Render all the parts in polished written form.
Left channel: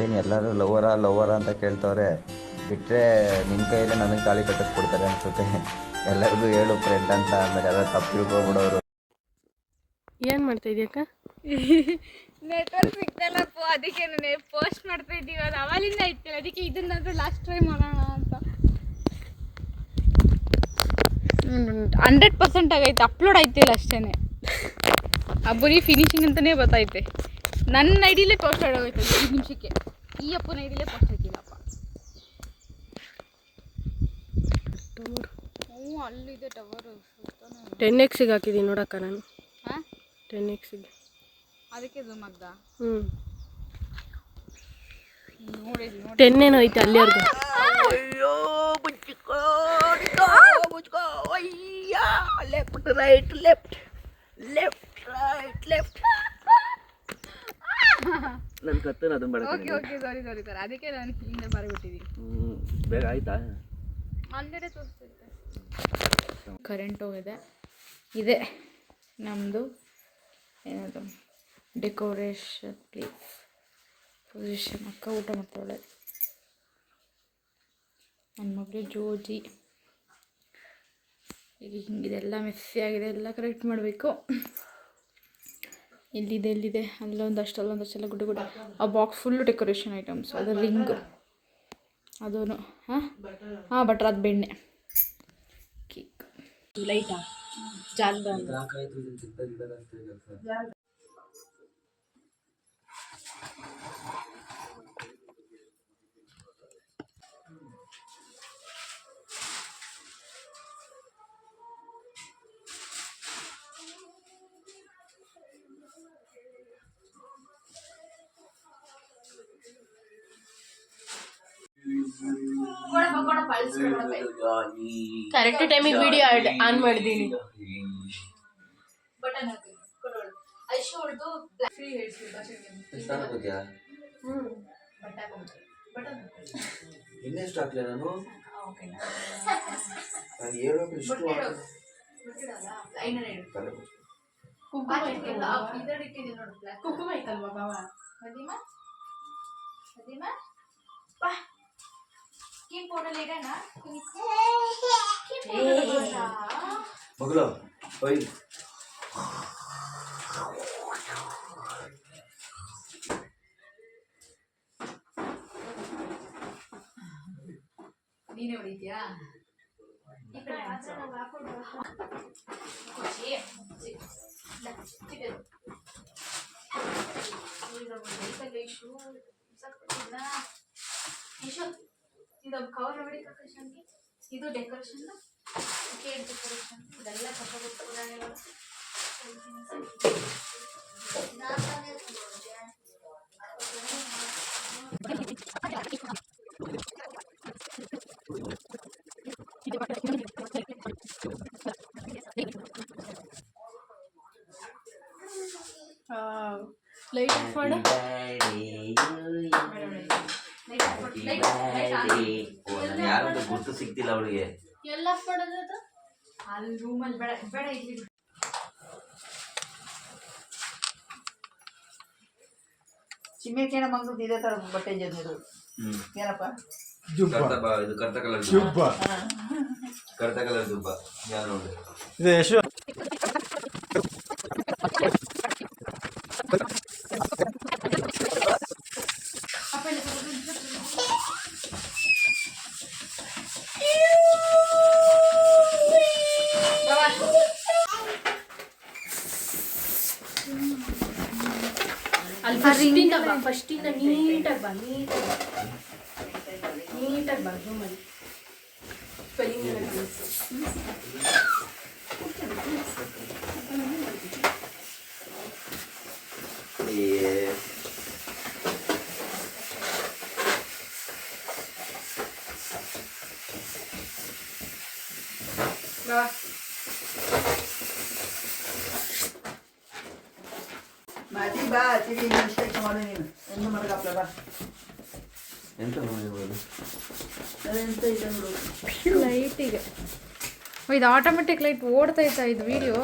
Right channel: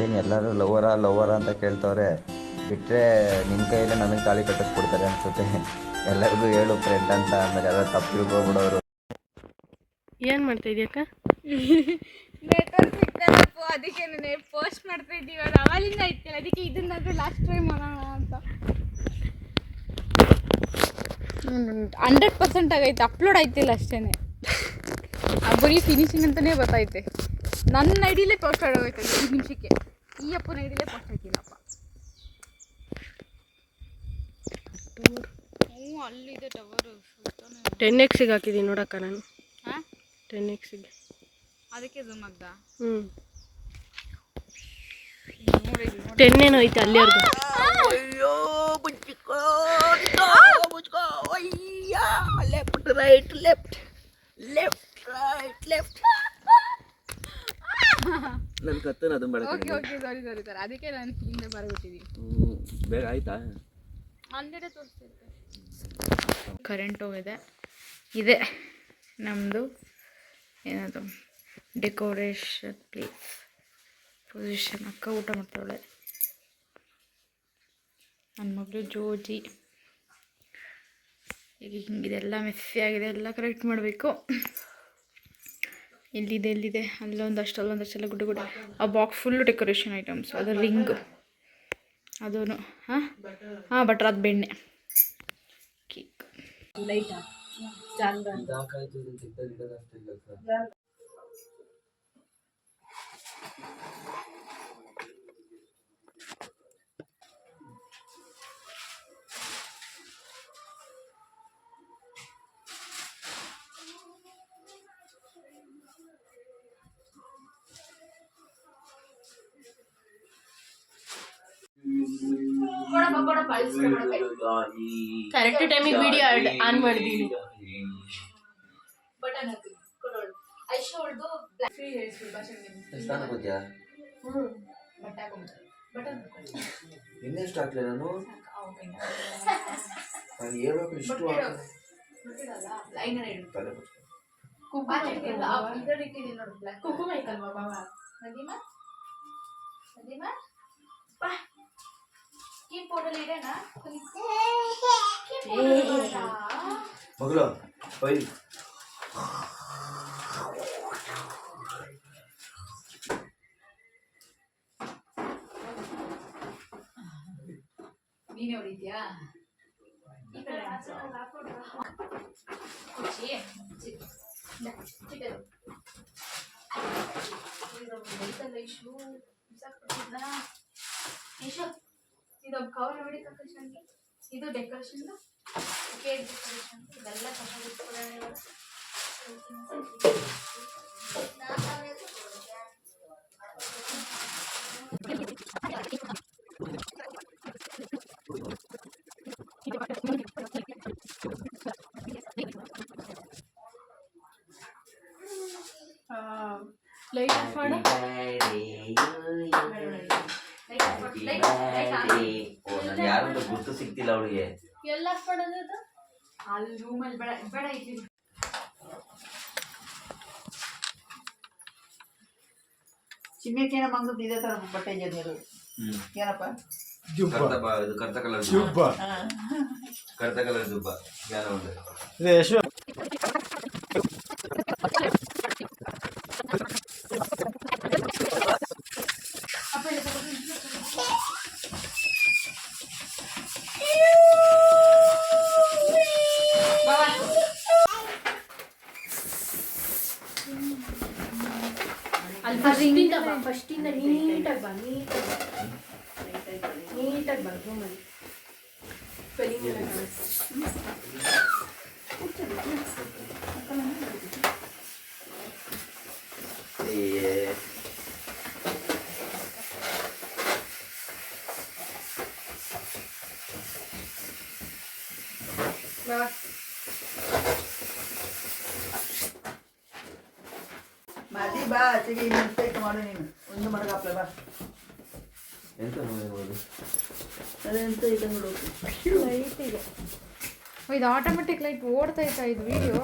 ಏನು ಎಲ್ಲರೂ ಲವರ ಅಂತ ಕೇಳ್ತವ್ರೆ. ಬಿಟ್ಟರೆ ನಿನ್ನ ಕೈಯಲ್ಲೇ ನನಗೆ ತಾಳಿ ಕಟ್ಟಿಸ್ಬಿಡ್ತಾರೆ ಅನಿಸುತ್ತೆ. ಎಲ್ಲರಿಗೂ ಹೇಳು ಫ್ರೆಂಡ್ ಅಂತ, ಆಮೇಲೆ ಎಲ್ಲ ತಪ್ಪು ತಿಳ್ಕೊಬಿಡೋರು. ಏನು ಮಾಡ್ತಾ ಇದೆಯಕ್ಕ? ನೆಟ್ವರ್ಕ್ ಸಿಗ್ತಾರಪ್ಪ, ಅದಕ್ಕೆ ನಾನು ಪೋಸ್ಟ್ ಮಾಡ್ತಾ ಇದ್ದೀವಿ. ಅದು ಅವಾಗಿಂದ ಇರ್ತೀವಿ, ಅದಕ್ಕೆ ಇದನ್ನಾದ್ರೂ ಲಾಸ್ಟ್ ಟ್ರೈ ಮಾಡೋಣ ಅಂತ. 100% ಆಗೈತೆ, ಅಪ್ಲೋಡ್ ಆಯ್ತಿಲ್ಲ ಅಷ್ಟೇ. ಬರೀ ಫಿನಿಶಿಂಗ್ ಅಂತಲೇ ಗೊತ್ತೈತೆ. ನನ್ನ ಐಡಿಲೇ ಪೋಸ್ಟ್ ಆಗೋಯ್ತು 5 ನಿಮಿಷಕ್ಕೆ. ಈ ಅಪ್ಪನ ಐಡಿಲೇ ಪೋಸ್ಟ್ ಆಯ್ತಿಲ್ಲಪ್ಪ. ಅಲ್ಲಿದೆ ಟವರು. 10x ಹಾಕಿದ್ದೀನಿ ನೋಡಕ್ಕ ನಾನು. ಹಾಂ 10x ಅದಕ್ಕೆ ಝೂಮ್ ಆಗ್ದ. 10 ಏನೋ ಐತೆ ಅಲ್ಲಿವರೆಗೂ. ಅಯ್ಯೋ left right left left right left. ನನ್ನ ಕತ್ತನ ಅದನ್ನ ಬೇಡ. ಓಕೆ ಸಾರಿ ಸರ್, ಅದಕ್ಕೆ ನಾನು ಹಿಂದೆ ಬರಬಿಟ್ಟಿದ್ದೀನಿ. ಬೇಗ ಆಯ್ತಾ? ಆಲ್ರೆಡಿ ತೋರಿಸ್ತಿದ್ದೆ. ಕರೆಂಟ್ ಹೋಗಿದೆ. ಇದೆ ನಮ್ಮದು ಏನದು ಡೆಕೋರೇಷನ್ ಪ್ಲೇಸ್ ಪೊಸಿಷನ್. ಅಕ್ಕ ಊಟ ಮಾಡ್ತಾಳೆ, ನನ್ನ ಮಗಳು ಜೋಜಿ. ಈಗ ಹಿಂಗಿದೆಲ್ಲ ಮೆಸ್ಸಿ ಆಗಿದೆ, ಎಲ್ಲ ಕರೆಕ್ಟ್ ಮಾಡಬೇಕು. ಎಲ್ಲಿದೆ ಅಲ್ಲೊಂದಷ್ಟೆಲ್ಲ ಗುಡ್ಡ. ಆ ಬಾಕ್ಸ್ ಫುಲ್ಲು ಡೆಕೋರೇಷನ್ ಐಟಮ್ಸ್. ಅದು ರಿಂಗ್, ಅದೂ ಹಾಂ ಬಟ್ರ್, ಅದು ಬೆಣ್ಣೆ, ಕೇಕ್, ಲೈಟಾ, ಜಾಲ್ದ ಕರೆಕ್ಟ್ ಟೈಮಿಗೆ ವಿಡಿಯೋ ಆನ್ ಮಾಡಿದ್ದೀನಿ. ಇನ್ನೆಷ್ಟು ಹಾಕ್ಲೆ ನಾನು? ಅದು ಹೇಳ್ಬೇಕು ಇಷ್ಟು ಕುಂಕುಮ ಐತಲ್ವಾ ಬಾವ? ಮಗಳು ಒಯ್ ನೀನೇ ಹೊಡಿದ್ಯಾ? ಇದು ಕವರ್ ನೋಡಿ ಕಕೇಶನ್ಗೆ. ಇದು ಡೆಕೋರೇಷನ್, ಕೇಕ್ ಡೆಕೋರೇಷನ್, ಇದೆಲ್ಲ ತಗೋಬೇಕು. ಪುರಾಣಿಗಳು ಲೈಟ್ ಆಫ್ ಮಾಡು. ಯಾರು ಗುರ್ತು ಸಿಗ್ತಿಲ್ಲ ಅವಳಿಗೆ. ಎಲ್ಲ ಮಾಡೋದು ಅಲ್ಲಿ ರೂಮಲ್ಲಿ ಬೇಡ ಇಲ್ಲಿ. ಚಿಮ್ಮೆಕೇನ ಮಂಗದ ಇದೇ ತರ ಬಟ್ಟೆ ಜನಿರು ಏನಪ್ಪ? ಇದು ಕರ್ತ ಕಲರ್ ದುಬ್ಬ ಯಾರು ನೋಡಿ ಫಸ್ಟಿಂದ ನೀಟಾಗಿ ಬಾ, ನೀಟಾಗಿ ಬಾ. ರೂಮಲ್ಲಿ ಸ್ಪೆಲ್ಲಿಂಗ್ ಎಲ್ಲ ಮಾದಿ ಬಾ ಚಿಡಿ ಮಿಸ್ಟೇಕ್ ಮಾಡು ನೀನು. ಒಂದು ಮಡಗಪ್ಪ ಬಾ. ಎಂತ ಮಾಡ್ಬೋದು? ಅದೆಂತ ಇದೆ ನೋಡು ಲೈಟಿಗೆ. ಇದು ಆಟೋಮೆಟಿಕ್ ಲೈಟ್ ಓಡ್ತೈತಾ ಇದು ವಿಡಿಯೋ?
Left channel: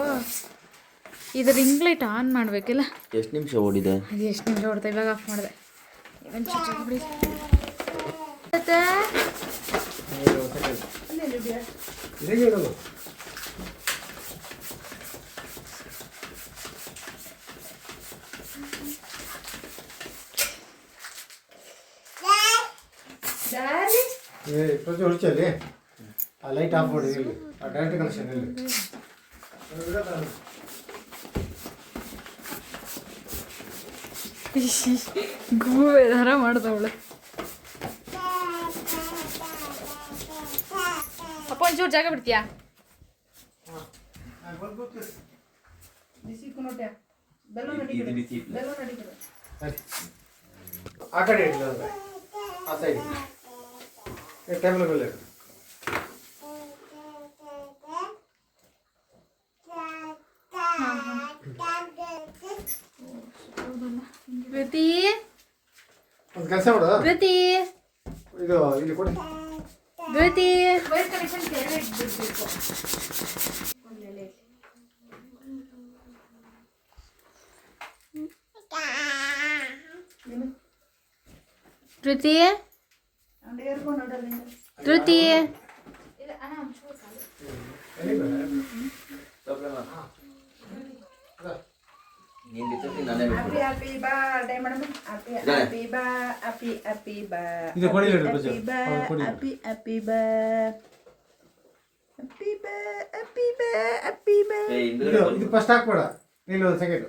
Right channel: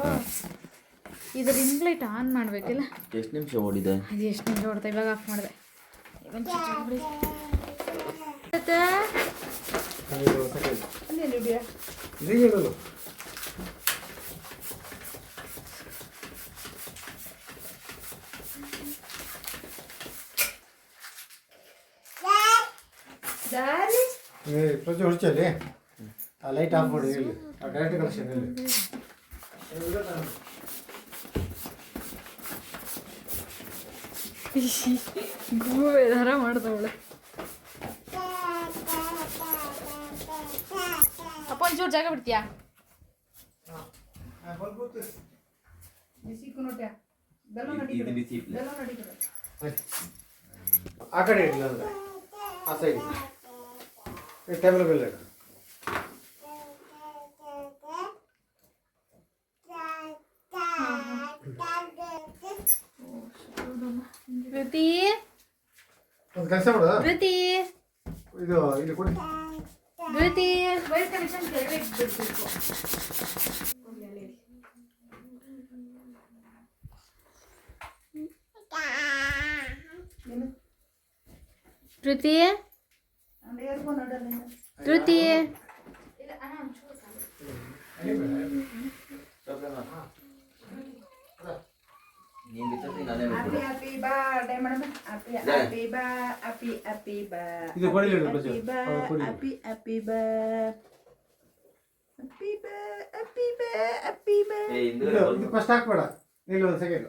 ಇದು ರಿಂಗ್ ಲೈಟ್ ಆನ್ ಮಾಡಬೇಕಿಲ್ಲ? ಎಷ್ಟು ನಿಮಿಷ ಓಡಿದೆ? ಅದು ಎಷ್ಟು ನಿಮಿಷ ಓಡ್ತಾ? ಇವಾಗ ಆಫ್ ಮಾಡಿದೆ. ಪ್ರತಿ ಹೊಡ್ಚಲ್ಲಿ ಆ ಲೈಟ್ ಆಫ್ ಮಾಡಿ ಇಲ್ಲಿ ಆ ಡೈರೆಕ್ಟ್ ಕನೆಕ್ಷನ್ ಇಲ್ಲಿ ಗೂಬೆ ಥರ ಮಾಡ್ದವಳು. ಅಪ್ಪ ಒಂಚೂರು ಜಾಗ ಬಿಡ್ತೀಯಾ? ಆ ಕಡೆ ಇಡಿ ಅಂದ್ರೆ ಆ ಸೈಡ್ ಟೇಬಲ್ಗಳು ಧೃತಿ ಒಂದು ಕೆಲಸ ಮಾಡು ಧೃತಿ ಇದು ಇಲ್ಲಿ ಕೊಡಿ ಧೃತಿ ವೈರ್ ಕನೆಕ್ಷನ್ ಕೆಳಗೆ ಇಟ್ಬಿಡ್ಬೇಕು. ಧೃತಿ ಅಂದ್ರೆ ಯಾರಿಗೂ ನೋಡಲ್ಲ ಧೃತಿ ಇಲ್ಲ ಅಣ್ಣ ಒಂಚೂರು ಸಾಲು. ನೀನ್ ಬಿಟ್ಟು ನಾನೇ happy happy birthday madam happy happy ಬಾ ಹ್ಯಾಪಿ ಹ್ಯಾಪಿ ಬಾ ಇದು ಕೊಡಿ ಹೇಳು ಬಜ್ಜು ಹ್ಯಾಪಿ ಹ್ಯಾಪಿ ಬಾ ಹ್ಯಾಪಿ ಬಾ ಹ್ಯಾಪಿ ಬಾ ಹ್ಯಾಪಿ ಬಾ ಇದು ಫಸ್ಟ್ ಹಾಕ್ಬೇಡ ಇಲ್ಲಿ ಒಂದು second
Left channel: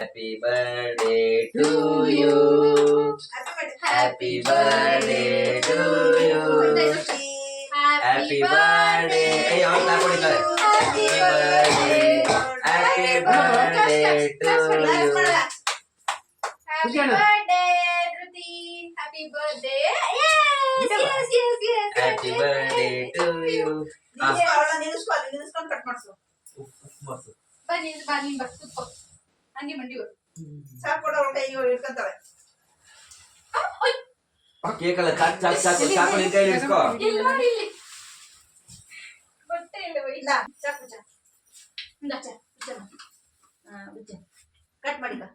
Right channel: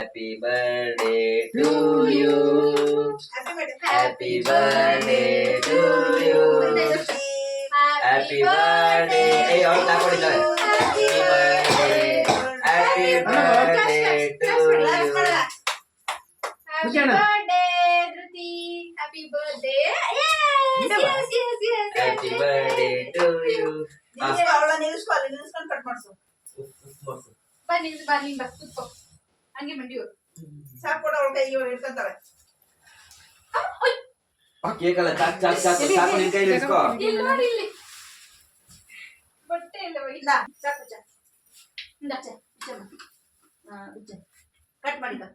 happy birthday to you happy birthday to you happy birthday ಏ ಅವ್ರು ಕ್ಲಾಪ್ ಹೊಡಿತಾರೆ happy birthday happy birthday to you Happy birthday, Dhruti. Happy birthday. Yes, yes, yes, yes. Happy birthday to you ನಿಲ್ಲಿಸ್ಕೊಂಡು cut ಮಾಡಿಸು ಬಾ ನೀನ್ ಬಾ ಕೂತ್ಕೋ. ಹಂಗೆ ಮಂಡಿಯವರು. ಸಾಕು ಕೊಡ ಅವ್ರ ಕೈಗೆ ಇಟ್ಕೊಂತಾರೆ ಕೇಕ್ ಅಲ್ಲ ಚಾಕ್ ಚಾಕ್ ಚಾಕ್ ಚಾಕು ನಿನ್ ಕೈಲಿ ಇಟ್ಕೋ ಇಲ್ಲಿ ನೋಡಿ ಇಲ್ಲಿ. ಬಟ್ಟೆ ಇಲ್ಲ ಬೈ. ಇಲ್ಲ ಸಾಕು ಚಾ ಇಂದ ಕಟ್ ಮಾಡಿ ಬಾ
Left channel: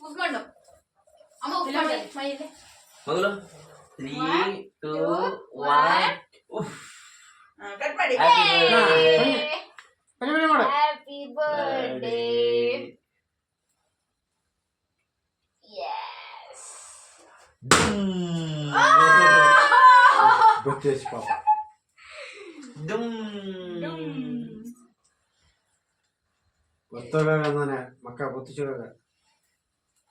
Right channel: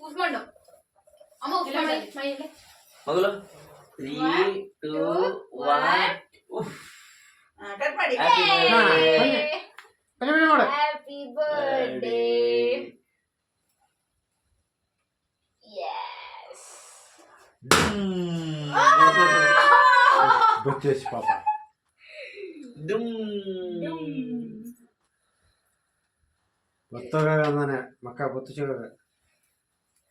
ಉಗ್ಕೊಂಡು. ಅಮ್ಮ ಉಗ್ಕೊಂಡು ಮೈಯಲ್ಲಿ. ಮಗಳು 3 2 1 ಕಟ್ ಮಾಡಿ Happy birthday. Yes. ಗೊತ್ತೇಸಿ ಪಾಪ ಗೊತ್ತಾಗ ಅಂದಾನೆ ಮಕ್ಕ ಗೊತ್ತು ಸಿಗಾಗ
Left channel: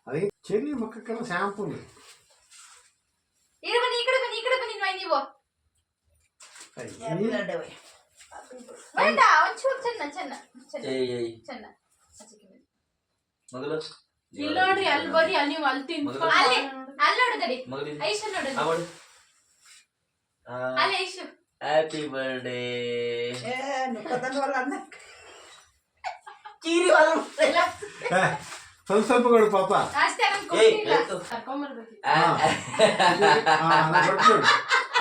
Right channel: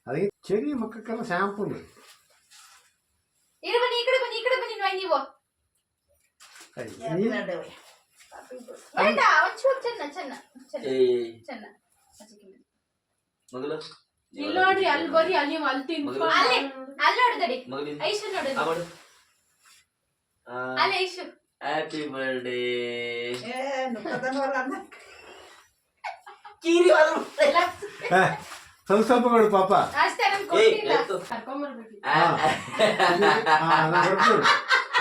ಅದಕ್ಕೆ ಚೆರಿ ಮಕ್ಕಕ್ಕೆಲ್ಲ ಶಾಂಪೂ ಈಗ ಬನ್ನಿ ಈ ಕಡೆ ಬನ್ನಿ ನೀವು. ಬೇಡ ಒಂಚೂರು ಚೆನ್ನ. ಮಗಳು ಇಲ್ಲಿ ನೋಡ್ರಿ ಅಲ್ಲಿ ಬರ್ರಿ ಅಲ್ಲಿ ನೀವು ಅಲ್ಲಿ ತಿನ್ಕೊ. ಅಲ್ಲಿ ನೋಡಿದಡಿ ಐಶು ನೋಡಿದ್ರಿ ಅಲ್ಲಿ ಐಶು. ಹ್ಯಾಪಿ ಬರ್ಡೇ ಕೀರಿ ಸ್ವಲ್ಪ ಸ್ವಲ್ಪ ಕೊಡು ಪಾಪ ಅಷ್ಟೇ ನನ್ ಕೊಟ್ಟಿಲ್ಲ. ಆಯ್ತು. ಕರ್ಕೊಂಬರ್ಬೇಕು.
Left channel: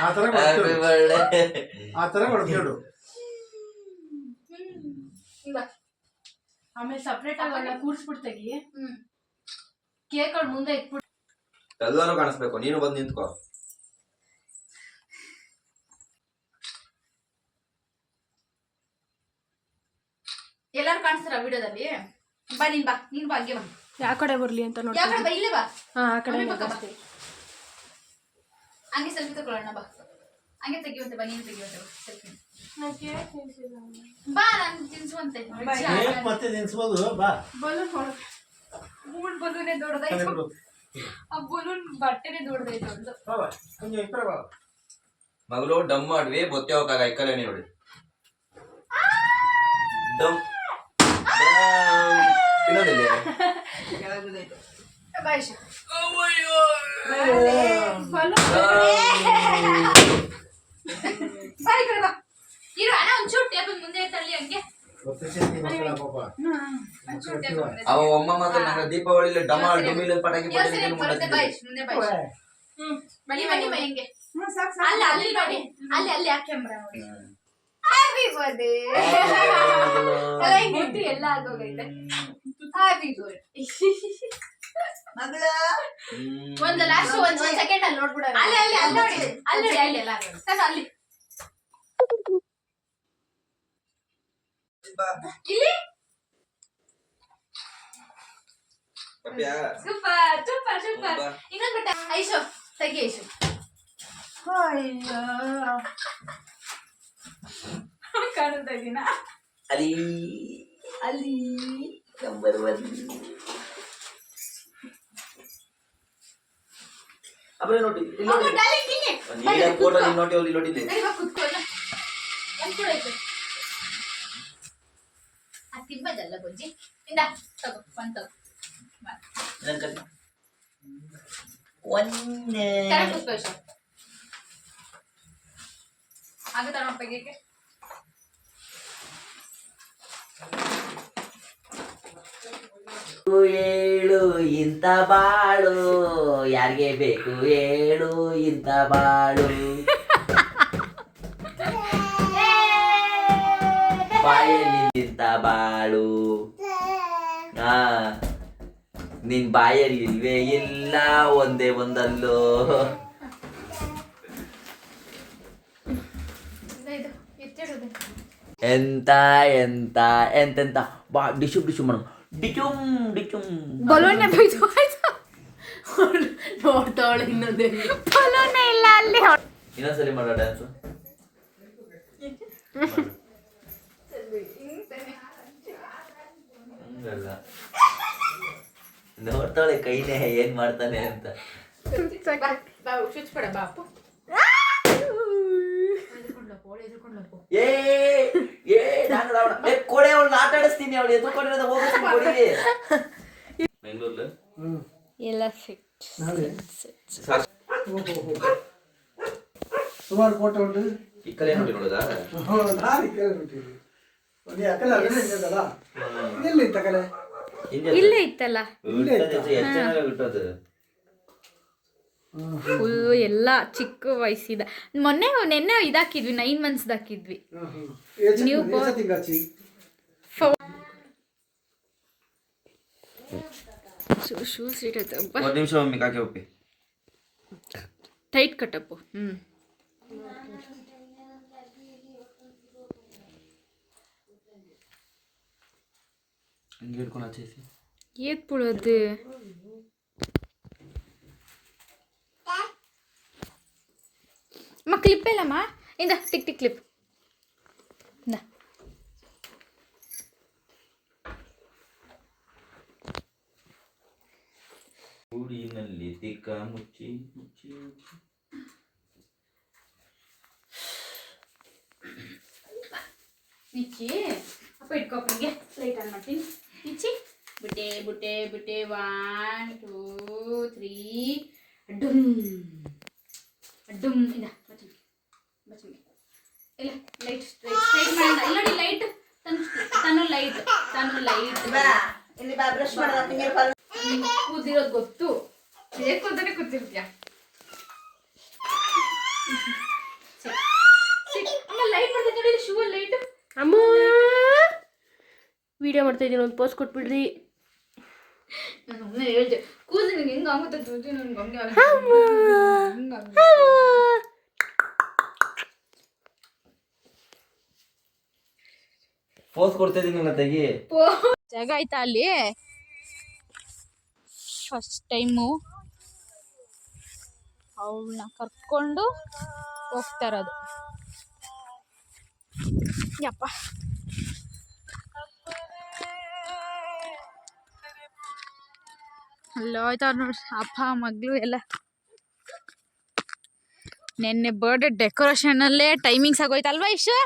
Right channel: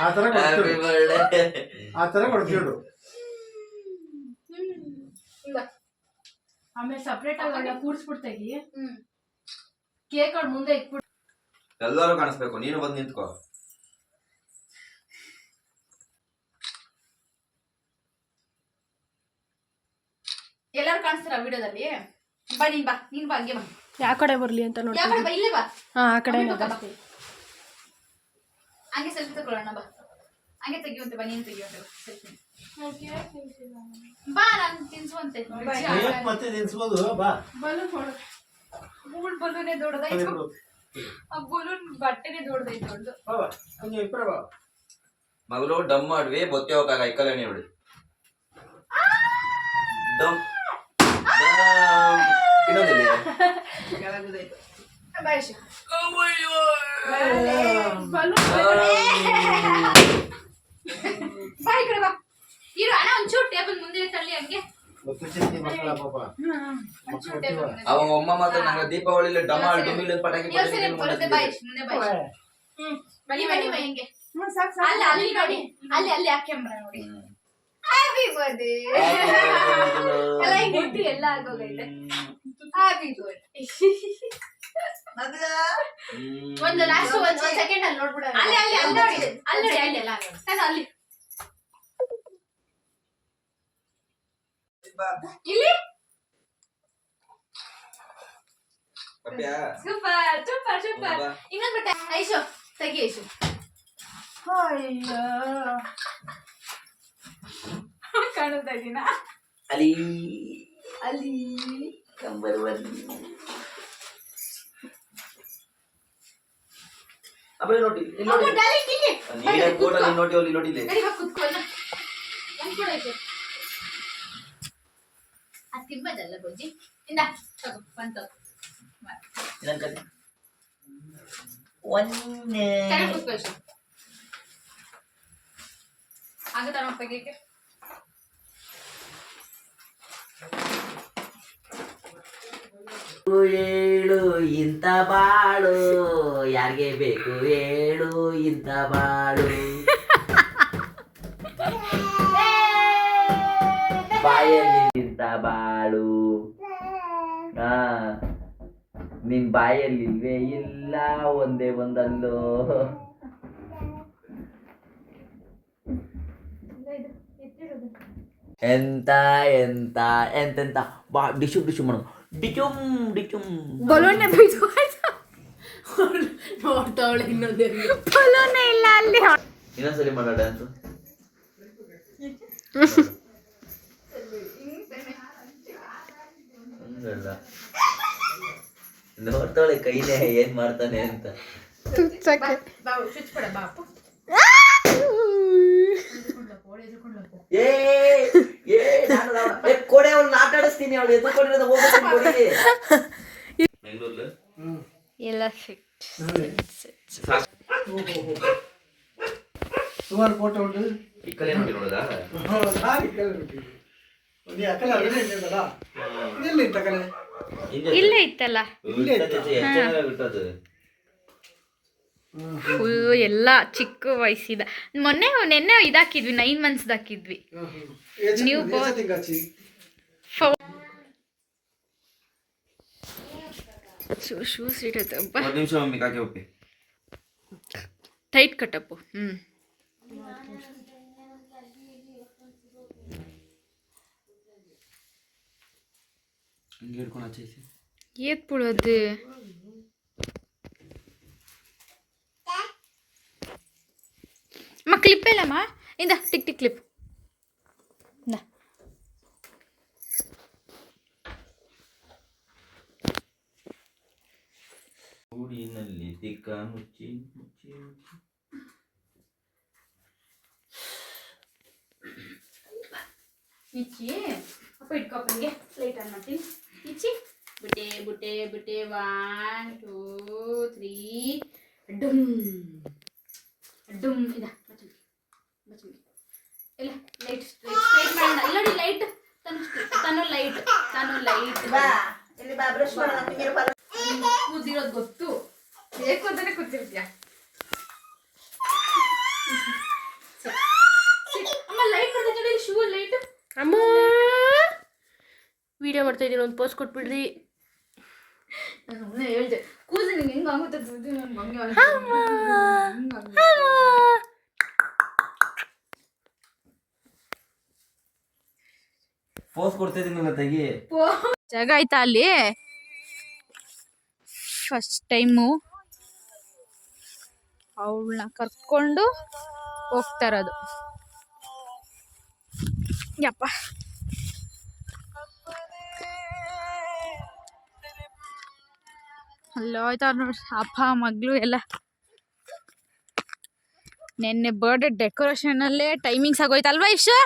ಆ ಥರ ಹ್ಯಾಪಿ ಬರ್ಡೇ ಆ ಥರ ಕೊಡ್ಕೊಂಡು ಆಮೇಲೆ ಸಪ್ರೇಟ್ ಆಗಿ ಕೂಡ್ಸ್ಬಿಡ್ತಾಗಿ ಕೇಕ್ ಅವ್ಳ ಮುಂದೆ ಇಟ್ಬಿಟ್ಟು ಎಲ್ಲರೂ ಕಾಣಿಸ್ಬೇಕು ನೀನು ಬಂದು ನಿಂತ್ಕೋ ಎಲ್ಲಾರು ಕಾಣಿಸ್ತಾರ ವಿಡಿಯೋದಲ್ಲಿ. ಬಾ ನೀನ್ ಬಾ ಹಂಗೆ ಬಾ. ಯಾವ ಕಡೆ ಬರ್ಲಿ ಅಂತ ನೋಡಿ. ಯಾವ ಕಡೆ ಬಾ? ಇಲ್ಲೇ ಬಾ. ಆ ಕಡೆ ಮಮ್ಮಿ ಪಕ್ಕ ಬಾ. ಹಂಗೆ ಸೆಲ್ಫಿ ತಗೊಳ್ಳೋಣ ಬಾ. ಹಂಗೆ ತೆಗಿಯುವಂತೆ ಬಾ. ನೀನು ತೆಗಿಯುವಂತೆ ಬಾ ಸೆಲ್ಫಿ. ಬಾ ನಾನು ತಿನ್ಸುವಂತೆ. ಮತ್ತೆ ನೆನ್ಸ್ಬೋದು ಬಾ ಬಲೂನ್ ನೋಡು. ಮೂಡ್ ಬಲೂನೇ ದೊಡ್ಡದಾಯ್ತು. ಆ ಬಲೂನ್ ಬಟ್ಟೆನೇ ದೊಡ್ಡದಾಯ್ತು ಅವ್ಳ್ದು. ಕೊಂಚ ಇಪ್ಪರ ಬಾ ಮಗಳು ಡಮ್ ಮಾಡ್ವಿ ಬೊತ್ತೆ ಹೋಗಾಗ ಇಕ್ಕಲೇ ನೋಡಿ ಡಮ್ ಇನ್ನೊಂದಿಲ್ಲ ಬಾ ಐಶು. ಬಾ ಈ ಕಡೆ ಬಾ. ಇರು ಅಣ್ಣ ಒಂಚೂರು ಟೇಬಲ್ ಮುಂದೆ ತಳ್ಳಿ ಹಂಗೆ. ಒಂಚೂರು ಟೇಬಲ್ ಮುಂದೆ ಅವ ಅಮ್ಮ ಮಾತ್ರ ನಂಗೆ ದೀಪಾವಳಿಲಿ ಡಮಾಲ್ ಡುಮಿಲ್ ಪಟಾಕಿ ಬರುತ್ತೆ ಬಾ ಐಶು. ಮುಂದೆ ಬಾ ಐಶು. ಬನ್ನಿ ಬಾ ಹಿಂಗೆ. ಅಲ್ಲ ಅಲ್ಲಿ ನೋಡಿ ಅಲ್ಲಿ ಆ ಕ್ಯಾಮ್ರಾ ನೋಡಿ. ಹ್ಯಾಪಿ ಬರ್ಡೇ ಎಲ್ಲ ಹಿಂಗಿಟ್ಟು ಎಲ್ಲ ಆಗೋಗೈತೆ. Happy birthday. ಮಗಳ ಒಂದು ಲಾಸ್ಟ್ ಒಂದು ಸೆಕೆಂಡ್ ಅಲ್ಲಿ ನೋಡ್ಬಿಡ ಅಲ್ಲಿ ಅಲ್ಲಿ ಅಲ್ಲಿ ನೋಡಿ ಅಲ್ಲಿ ನೋಡಿ ಅಲ್ಲಿ ಎಲ್ಲ ಅಲ್ಲಿ ಇಲ್ಲಿ ಸೂಪರ್ ಸೂಪರ್ ಸೂಪರ್ ಇನ್ನೊಂದು ಬಿಟ್ಟ ಐಶು ತೆಗಿ ಐಶು ಅಯ್ಯೋ ಕಾಣುತ್ತಾ ಇದೀನಾ ಅಲ್ಲಿ ಅಲ್ಲಿ ನಂಬರ್ 1 ಅಬ್ರೆ ನೋಡಿ ಇಲ್ಲಿ ನೋಡಿ ನೀನ ಫೋಟೋ ಇಲ್ಲಿ ನೋಡಿ ಅಲ್ಲಿ ನೋಡಿ ಇಲ್ಲಿ ಸರಿ ಬಾ ಕುತ್ಕೋ ಒಂದು ಕೂಡ ಐತೆ ಅದು ತಿಂಬದಲ್ಲ ಬಜ್ಜಿ ಇಂದ ತಗೋ ಒಂದು ತಗೋ ಇದನ್ನ ಒಂದೇ ಸರಿ ಕುತ್ಕೋ ಐಶು ಆಗುತ್ತಾ ನಮ್ಮ ಪೈಗೆ ಹೇಳು ಇಂಥ ಬಾಳು ಯಾರಿಗೆ ಬೇಕು ಹೇಳು ಇಂಥ ಬಾಳು ಬಾಯಲ್ಲಿ ಇಂಥ ಬಾಳು ನಿನ್ ಬಾಯಲ್ಲಿ ಇಲ್ವೇ ಇಲ್ಲ ಒಂದೇ ಒಂದಲ್ಲೋ ಎಂತ ಎಂತ ಎಂತೆಂತ ಬಾ ಡಿಶು ಡಿಶು ಮಾಡು ಡಿಚುಮ್ ಡಿಚುಮ್ ಬಲೂನೆ ಬೈದು ಆಯ್ತು ನೋಡ್ತಾವಳೆ ಇನ್ನೊಂದೇ ಬಲೂನೇ ಇಲ್ಲ ಅಲ್ಲಿ ಇನ್ನೊಂದ್ಸಲಿ ಮಾಡೋ ಡ್ಯಾನ್ಸ್ ಹಂಗಲ್ಲ ನೋಡ್ತಾಳೆ ಕೈನೇ ಏನ್ ಮಾಡ್ತಾನೆ ಅಂತ ಬಾಬು ಸ್ವಿಚ್ ಪಡ ಬಾಪು ಏ ಏ ನಾನು ಕೊಡೆ ಅವಳನ್ನ ಆಟ ಆಡಿಸ್ತೀನಿ ಅವಳು ಎದುರ್ಕೊಂಡಿರೋದು ಹೋಗ್ತೀನಿ ಕೊಡಿ ಬೆಂಗಳೂರಲ್ಲಿ ಎಲ್ಲ ಸಿಕ್ಟ್ ಸುಮಾರು ಫೋಟೋ ಉಂಟು ಈ ಕಲೆ ನೋಡಿ ನೋಡೋದಾ ಒಂದು ಅಕ್ಕಲ ಎಲ್ಲಿ ಇತ್ತ ಕಲೆ ಇಲ್ಲೇ ಇತ್ತಲ್ಲ ಬಿಟ್ಟದು ಫುಲ್ ಎಲ್ಲ ಚಿಕ್ಕ ವಯಸ್ಸಿದ ನೆನ್ನೆ ಇದಾಕಿದ್ವಿ 9 months ಹಾಕಿದ್ವಿ ನೀವು ಶೂಸ್ ಇಡತ್ತಪ್ಪ ಒಂದು ನಿಮಿಷ ಮಮ್ಮಿ ಕಾಕೆ ಒಪ್ಪಿ ಟೈಟ್ ಕಟ್ಟಪ್ಪು ಹಂಗೆ ಹಿಡ್ಕೊಂಡು ಹಚ್ಚೇಸಿ ಏತ್ ಬಿಡೋದು ಕ್ಲಿಪ್ ಇಲ್ಲಮ್ಮ ಇಂದ ಟಿಕ್ ಟಿಕ್ ಕ್ಲಿಪ್ ಇಂದ ಗೂಡಿನಲ್ಲಿ ತಿಕ್ಕ ಮುಚ್ಚಿ ಮುಚ್ಚಿ ನಿಚ್ಚಿ ಅಪ್ಪ ಇಟ್ಕೊಪ್ಪನಿಗೆ ಲೈಟ್ ಆನ್ ಮಾಡ್ತೀನಿ ನಿಚ್ಚಿ ಬುಟ್ಟೆ ಬುಟ್ಟೆ ಬುಟ್ಟೆ 1 2 3 ಡುಮ್ ಡುಮ್ ಇದ ಬಚ್ಚಿ ಬಚ್ಚಿ ಇಲ್ಲ ಲೈಟ್ ಸ್ಟ್ರೈಟ್ ಇಲ್ಲ ನೋಡಿ ಲೈಟ್ ತನು ಲೈಟ್ ಬಾ ಇಲ್ಲಿ ಬಾ ಬ್ರಷ್ ಮಾಡೋದು ನೀರು ಬರ ಕೂದಿರೋದು ಗೊತ್ತು ಬೇಕು ಅಂತಾನೆ ಕೂತಿರ್ತೀಯ ಅಮ್ಮ ಲೈಟ್ ಬರ್ತೈತೆ ನೋಡಿ ಶೂ ಲೈಟ್ ಅಮ್ಮ ವಿಡಿಯೋ ಮಾಡ್ತಾ ಇದ್ದೀನಿ ಒಂದು ಪೋಸ್ಟ್ ಕೊಟ್ಬಿಡ್ರಿ ನಾನು ಒಮ್ಮೆ ಹೇಳ್ದೆ ಕೂದಲು ನಿಂಗೆ ಹೆಂಗೆ ಆಗುತ್ತೆ ನನಗೆ ಹಂಗೆ ಫೋಸ್ ಕೊಡ್ತಾ ಇದೀನಿ ನನ್ನ ತೆಗಿ ಜಾಗ ಆಯ್ತಾ ಅಲ್ಲಿ ಫಸ್ಟ್ ಟೈಮು ಅವಳನ್ನ ಕರ್ಕೊಂಡು ಹೋಗ್ತಾ ಇರೋದು ಯಪ್ಪ ಅಲ್ಲ ಹೋಯ್ತಾ ನೋಡಿ ಅಪ್ಪ ಮಗಳು ಎಲ್ಲ ನೆನ್ನೆ ಬರ್ಡೇ ಡೆಕೋರೇಷನಲ್ಲೇ ಟೈಮಿಂಗ್ಸ್ ಆಗೋಯ್ತಲ್ವಾ ಇಷ್ಟು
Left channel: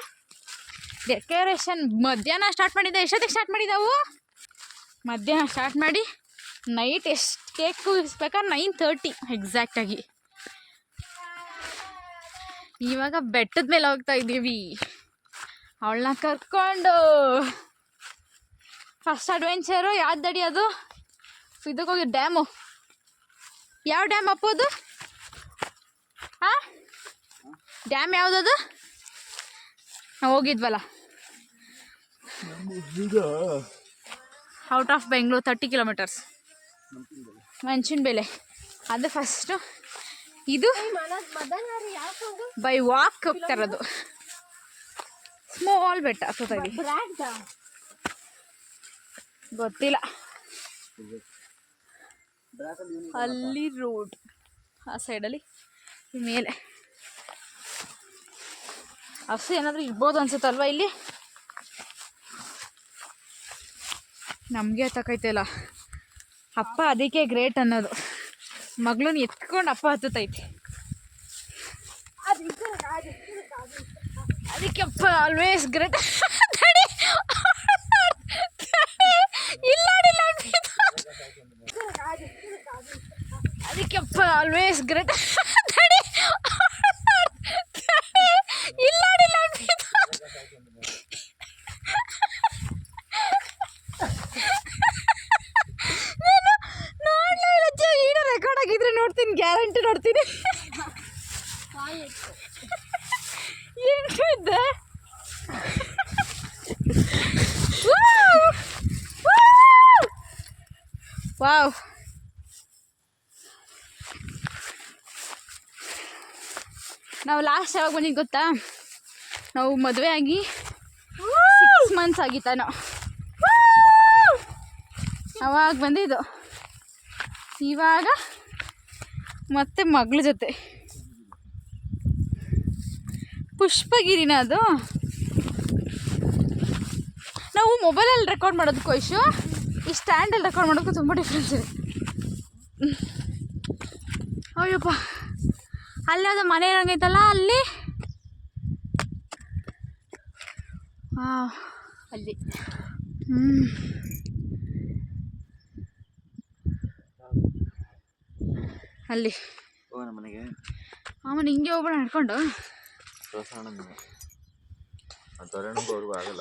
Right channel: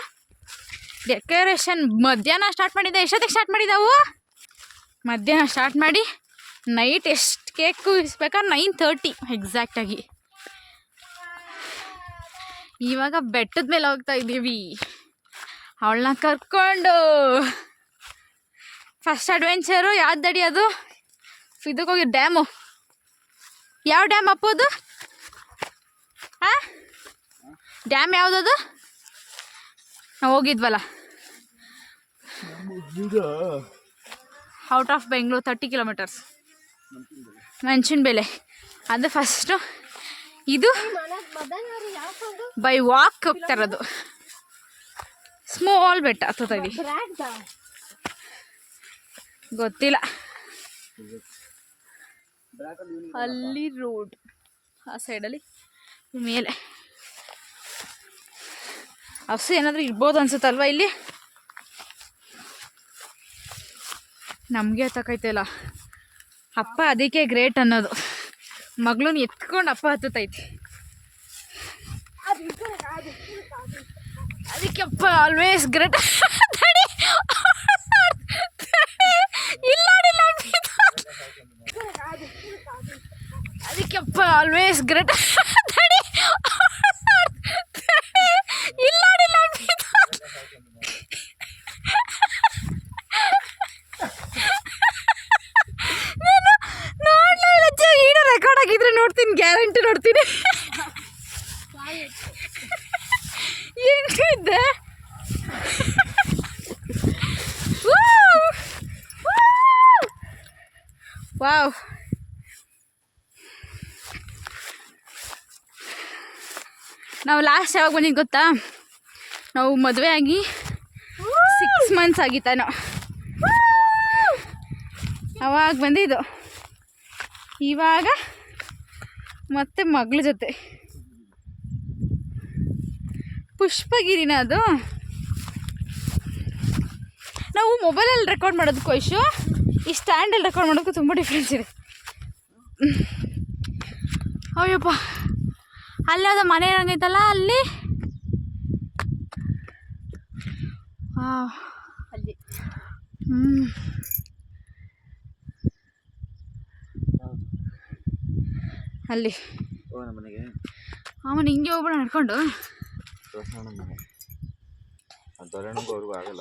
ಡೆಕೋರೇಷನ್ ಮಧ್ಯಾಹ್ನ ಸ್ಟಾರ್ಟ್ ಮಾಡಿದ್ದೆ ಎಷ್ಟೊತ್ತಿಗೆ ಸ್ಟಾರ್ಟ್ ಮಾಡಿದ್ದಾವು ಮಧ್ಯಾಹ್ನ ಸ್ಟಾರ್ಟ್ ಮಾಡಿ ನೈಟ್ ಎಷ್ಟು ಕೇಕು ಇಸ್ಬೇಕಾದ್ರೆ 9:30 ಎಕ್ಸಾಕ್ಟಾಗಿ ಇವಾಗ ಬೆಟ್ಟದ ಮೇಲೆ ಹೋಗ್ತಾ ಇದ್ದೀವಿ ಅವಳನ್ನ ಕರ್ಕೊಂಡು ಫಸ್ಟ್ ಅಡ್ವೆಂಚರು ಯಾವ್ದಡಿ ಅದು ಇದಕ್ಕೆ ಹೋಗಿ ಡ್ಯಾಮು ಯಾವ ಡ್ಯಾಮ್ ಅಪ್ಪೋದು ಹಾಂ ಡ್ಯಾಮ್ ಯಾವುದದು ನಾವು ಹೋಗಿದ್ವಲ್ಲ ಔಟ್ ಆಫ್ ಬೆಂಗಳೂರು 30 kilometers ಮೆಣಸಿನ ಬೆಲೆ ಅದು ಫಸ್ಟು. ಇದು ಬೈ ವಾಕ್ ಹೋಗ್ತಾ ಇರೋದು. ಸ್ಮಾಲ್ ಬೆಟ್ಟ ಹತ್ತೋತಾಗಿ ಗೊತ್ತಿಲ್ಲ. ಅಲ್ಲಿ ರೋಡ್ ಆ ಸೈಡಲ್ಲಿ ಮೇಲೆ ಹಸು ಏನಾದರೂ ಇರ್ಬೋದು ಅನ್ಸುತ್ತಲ್ವ ಇಲ್ಲಿ. ನಮಗೆ ಹತ್ತಕೈತಲ್ಲ ಅಪ್ಪ, ಅದಕ್ಕೆ ಗ್ರೇಟ್ ಅನ್ನೋದು. ಮಗಳನ್ನ ಎತ್ಕೊಂಡು ಅಪ್ಪ ಹತ್ತೈತಿ. ಅದಕ್ಕೆ ಅಪ್ಪ ಆಲ್ವೇಸ್ ಗ್ರೇಟ್. ಅದಕ್ಕೆ ಅಪ್ಪ ಆಲ್ವೇಸ್ ಗ್ರೇಟ್. ರೆಕಾರ್ಡ್ ಆಗಿದ್ರೆ ನೋಡ್ತೀನಿ, ಗ್ಯಾರಂಟಿ ನೋಡ್ತೀನಿ. ಏನಿದೆ ವಾವ್. ನಾವು ಲಾಸ್ಟ್ ಯಾವಾಗ ಬಂದಿದ್ದು ಗೊತ್ತಾ? ನಾವು ಮದುವೆ ಆಗಿ 6 months ಆಗಿತ್ತಾನೋ ಅವಾಗ ಬಂದಿದ್ದು. ಇವಾಗ ಮತ್ತೆ ಮಗಳ ಜೊತೆ ಪುಷ್ಪಗಿರಿನ ಅದು. ನಾವು ಮೊಬೈಲಲ್ಲಿ ರೆಕಾರ್ಡ್ ಮಾಡೋದಕ್ಕೂ ಇಶು ಈ ಸ್ಟ್ಯಾಂಡಲ್ಲಿ ರೆಕಾರ್ಡ್ ಮಾಡೋದಕ್ಕೂ ತುಂಬ ಡಿಫ್ರೆನ್ಸ್ ಇದೆ. ಅಯ್ಯಪ್ಪ, ಅಲ್ಲದ ಮನೆ ಇರಂಗೈತಲ್ಲ ಅಲ್ಲಿ. ಅಲ್ಲಿ ಅಲ್ಲಿ ಮನೆಗೆ ಅವನು ಹಿಂಗೆ ಹೋಗ್ಬೇಡ ನಡ್ಕೊಂಡು. ಅವ್ರಿಗೂ ಆಗಲ್ಲ,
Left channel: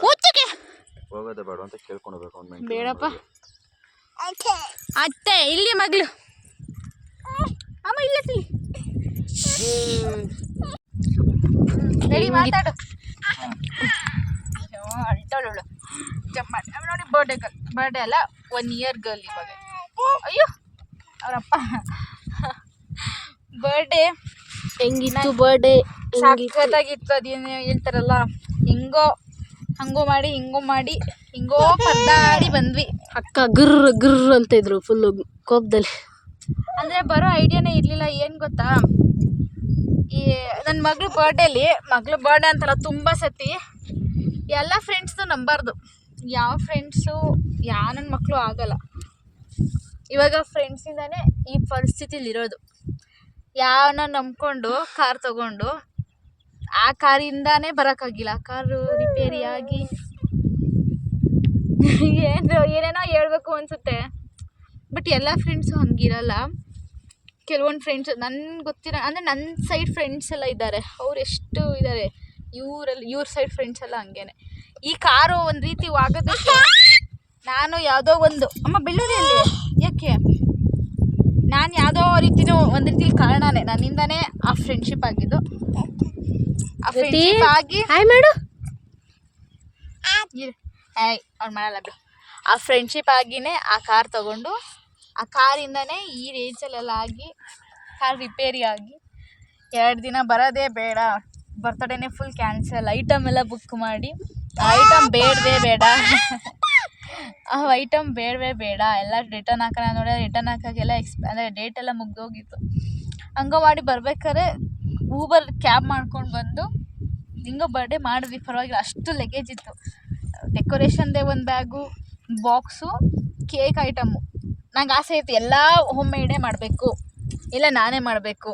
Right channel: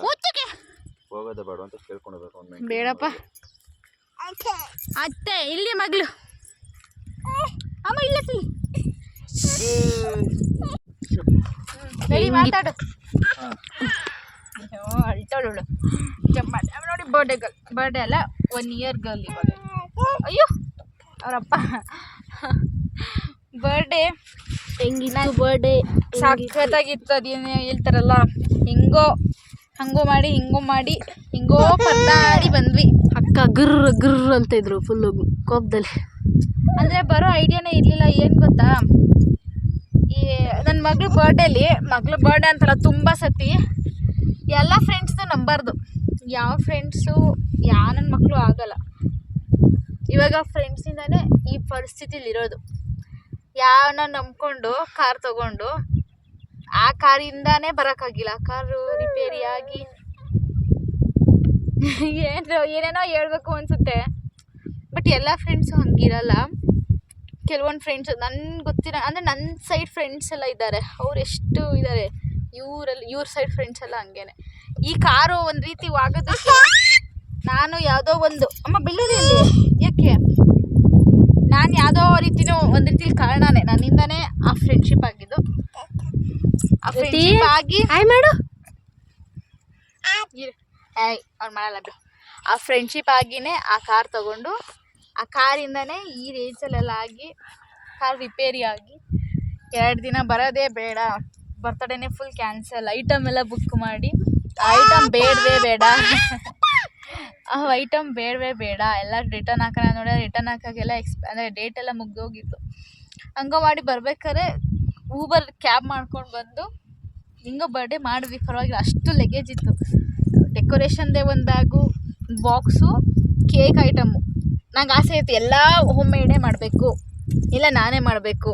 ಹೋಗೋದೇ ಬೇಡ ಅಂತ ಕೇಳ್ಕೊಳ್ಬೇಕು. ಬೇಡಪ್ಪ ಅತ್ತೆ, ಇಲ್ಲಿ ಮಗಳು ಅಮ್ಮ ಇಲ್ಲ ಮಾತಾಡು. ಅಳ್ತಾಳು ನೋಡಿ. ಬರ್ಡೇ ಗರ್ಲ್, ಬರ್ಡೇ ಅಲ್ಲ 1 year ಗರ್ಲ್ ಇವಾಗ. ಅಯ್ಯೋ ಅವರಪ್ಪ ಬರ್ಡೇ ಹೆಂಗಿತ್ತು? ಬರ್ಡೇ ಸಖತ್ತಾಗಿತ್ತು. ಅದೇನು ಹೇಳ್ತಾರಲ್ಲ, ಹಂಗೋ ಮಾಡಿ ಹಿಂಗೋ ಪದ್ದಾಡಿ ಬಂದ್ವಿ. ಅಕ್ಕ ಗುರ್ರ ಅಂತ ಇದ್ರು ಫುಲ್ಲು ಕೋಪದಲ್ಲಿ. ಅಂದರೆ ಬರೋ ಐಡಿಯಾನೇ ಇರಲಿಲ್ಲ. ಏನು ಗೊತ್ತಾ, ಈ ನನ್ನ ಮಗಳ ಬರ್ಡೇಲಿ, ಮಗಳ ಬರ್ಡೇ ಅಂತಲ್ಲ ತುಂಬ ಸತಿ ಎಲ್ಲ ಫ್ರೆಂಡ್ಸ್ದು ನಂಬಾರ್ದು. ಯಾವ ಫ್ರೆಂಡ್ಸು ನನ್ನ ಮಕ್ಕಳು ಆಗಲ್ಲ. ಇವಾಗ ಫ್ರೆಂಡ್ಸಿಂದಾನೇ ಈ ಪರಿಸ್ಥಿತಿಲಿರೋದು. ಯಾವನ್ನ ನಂಬ್ಕೊಂಡು ಕಾರ್ ತೊಗೊಂಡು ಆ ಕಾರಿಂದಾನೇ ಬರೋಕ್ಕಾಗಿಲ್ಲ. ಕಾರು ರಿಪೇರಿಯಾಗಿ ಏನೇನೋ ಹೇಳ್ಬೇಕು ಅನಿಸುತ್ತೆ. ಬಟ್ ಎಲ್ಲ ಫ್ರೆಂಡ್ಸು ಹಂಗಿರಲ್ಲ. ಕೆಲವೊಂದು ಫ್ರೆಂಡ್ಸ್ ನನ್ಗೆ ಗೊತ್ತಿರೋ, ಅಂದರೆ ನನ್ನ ಸೈಡ್ ಫ್ರೆಂಡ್ಸ್ ಎಲ್ಲ ಇದ್ದಾರೆ. ಅವ್ರು ಎಷ್ಟು ಇದ್ದಾರೆ, ಇವ್ರ ಸೈಡ್ ಫ್ರೆಂಡ್ಸ್ ಎಲ್ಲ ಹಂಗೇನೆ. ಈ ಕಾರು ಒಂದು ರೀತಿ ಆಗೋದಕ್ಕೆ ನಾನು ಯಾವುದೋ ಒಂದು ಅಮ್ಮ ಬೆಳ್ಳೂರಿಯಲ್ಲಿ ಯಾಕೆ ನಾನು ಯಾವುದೋ ಒಂದು ರೀತಿಲಿ ಕಾರಣನೇ, ನನ್ನಿಂದನೇ ಆ ಫ್ರೆಂಡ್ಶಿಪ್ ಆಗಿದ್ದು. ಆ ಫ್ರೆಂಡ್ಶಿಪ್ ಆಗಿ ಮಾಡು ಅವ್ನು ಮಾಡಲ್ಲ ಬಿಡು. ಆ ಫ್ರೆಂಡ್ಶಿಪ್ ಆಗಿನೇ ಆ ಕಾರ್ ತೊಗೊಂಡು, ಆ ಕಾರಿಂದನೇ ಈ ರೇಂಜಲ್ಲೆಲ್ಲ ಆಗಿ ಕಾರ್ ರಿಪೇರಿ ಆಗಿ 2 ದಿನ ಬರೋದೇ ಬೇಡ, ಬರ್ತಡೇನೇ ಫುಲ್ ಕ್ಯಾನ್ಸಲ್. ಐಟಮ್ ಎಲ್ಲ ಬುಕ್ ಮಾಡಿ, ಐಟಮ್ ಬೇಡವೇ ಬೇಡ, ಆ ಐಟಮ್ ಬೇಡವೇ ಬೇಡ, ಎಲ್ಲ ರಿಟರ್ನ್ ಹಾಕೋಣ ನೋಡಿ. ರಿಟರ್ನ್ ಹಾಕೋಕ್ಕೆಲ್ಲ ಅಂದರೆ ಡೇಟ್ ಎಲ್ಲ ಮುಗ್ದೋಗಿತ್ತು. ಹಂಗೋ ಮಾಡಿ ಬರ್ಬೇಕಾದ್ರೆ ಊಬರ್ ಕ್ಯಾಬ್ ಮಾಡ್ಕೊಂಡು ಬಂದು ಹಿಂಗೋ ಬರ್ಡೇ ಮಾಡಿದ್ವಿ. ಪರವಾಗಿಲ್ಲ, ಅಷ್ಟು ಲಗೇಜ್ ಇತ್ತು. ಡೆಕೋರೇಷನ್ದೇ ಒಂದು ಬ್ಯಾಗು, ಬಾಕ್ಸು, ಕೇಕ್ ಐಟಮು. ನಂಗೆ ಆಸೆ ಇತ್ತು ಎಲ್ಲ ಹೋಮ್ ಮೇಡೇ ಮಾಡಬೇಕು, ಇಲ್ಲ ನಾನೇ ಮಾಡಬೇಕು.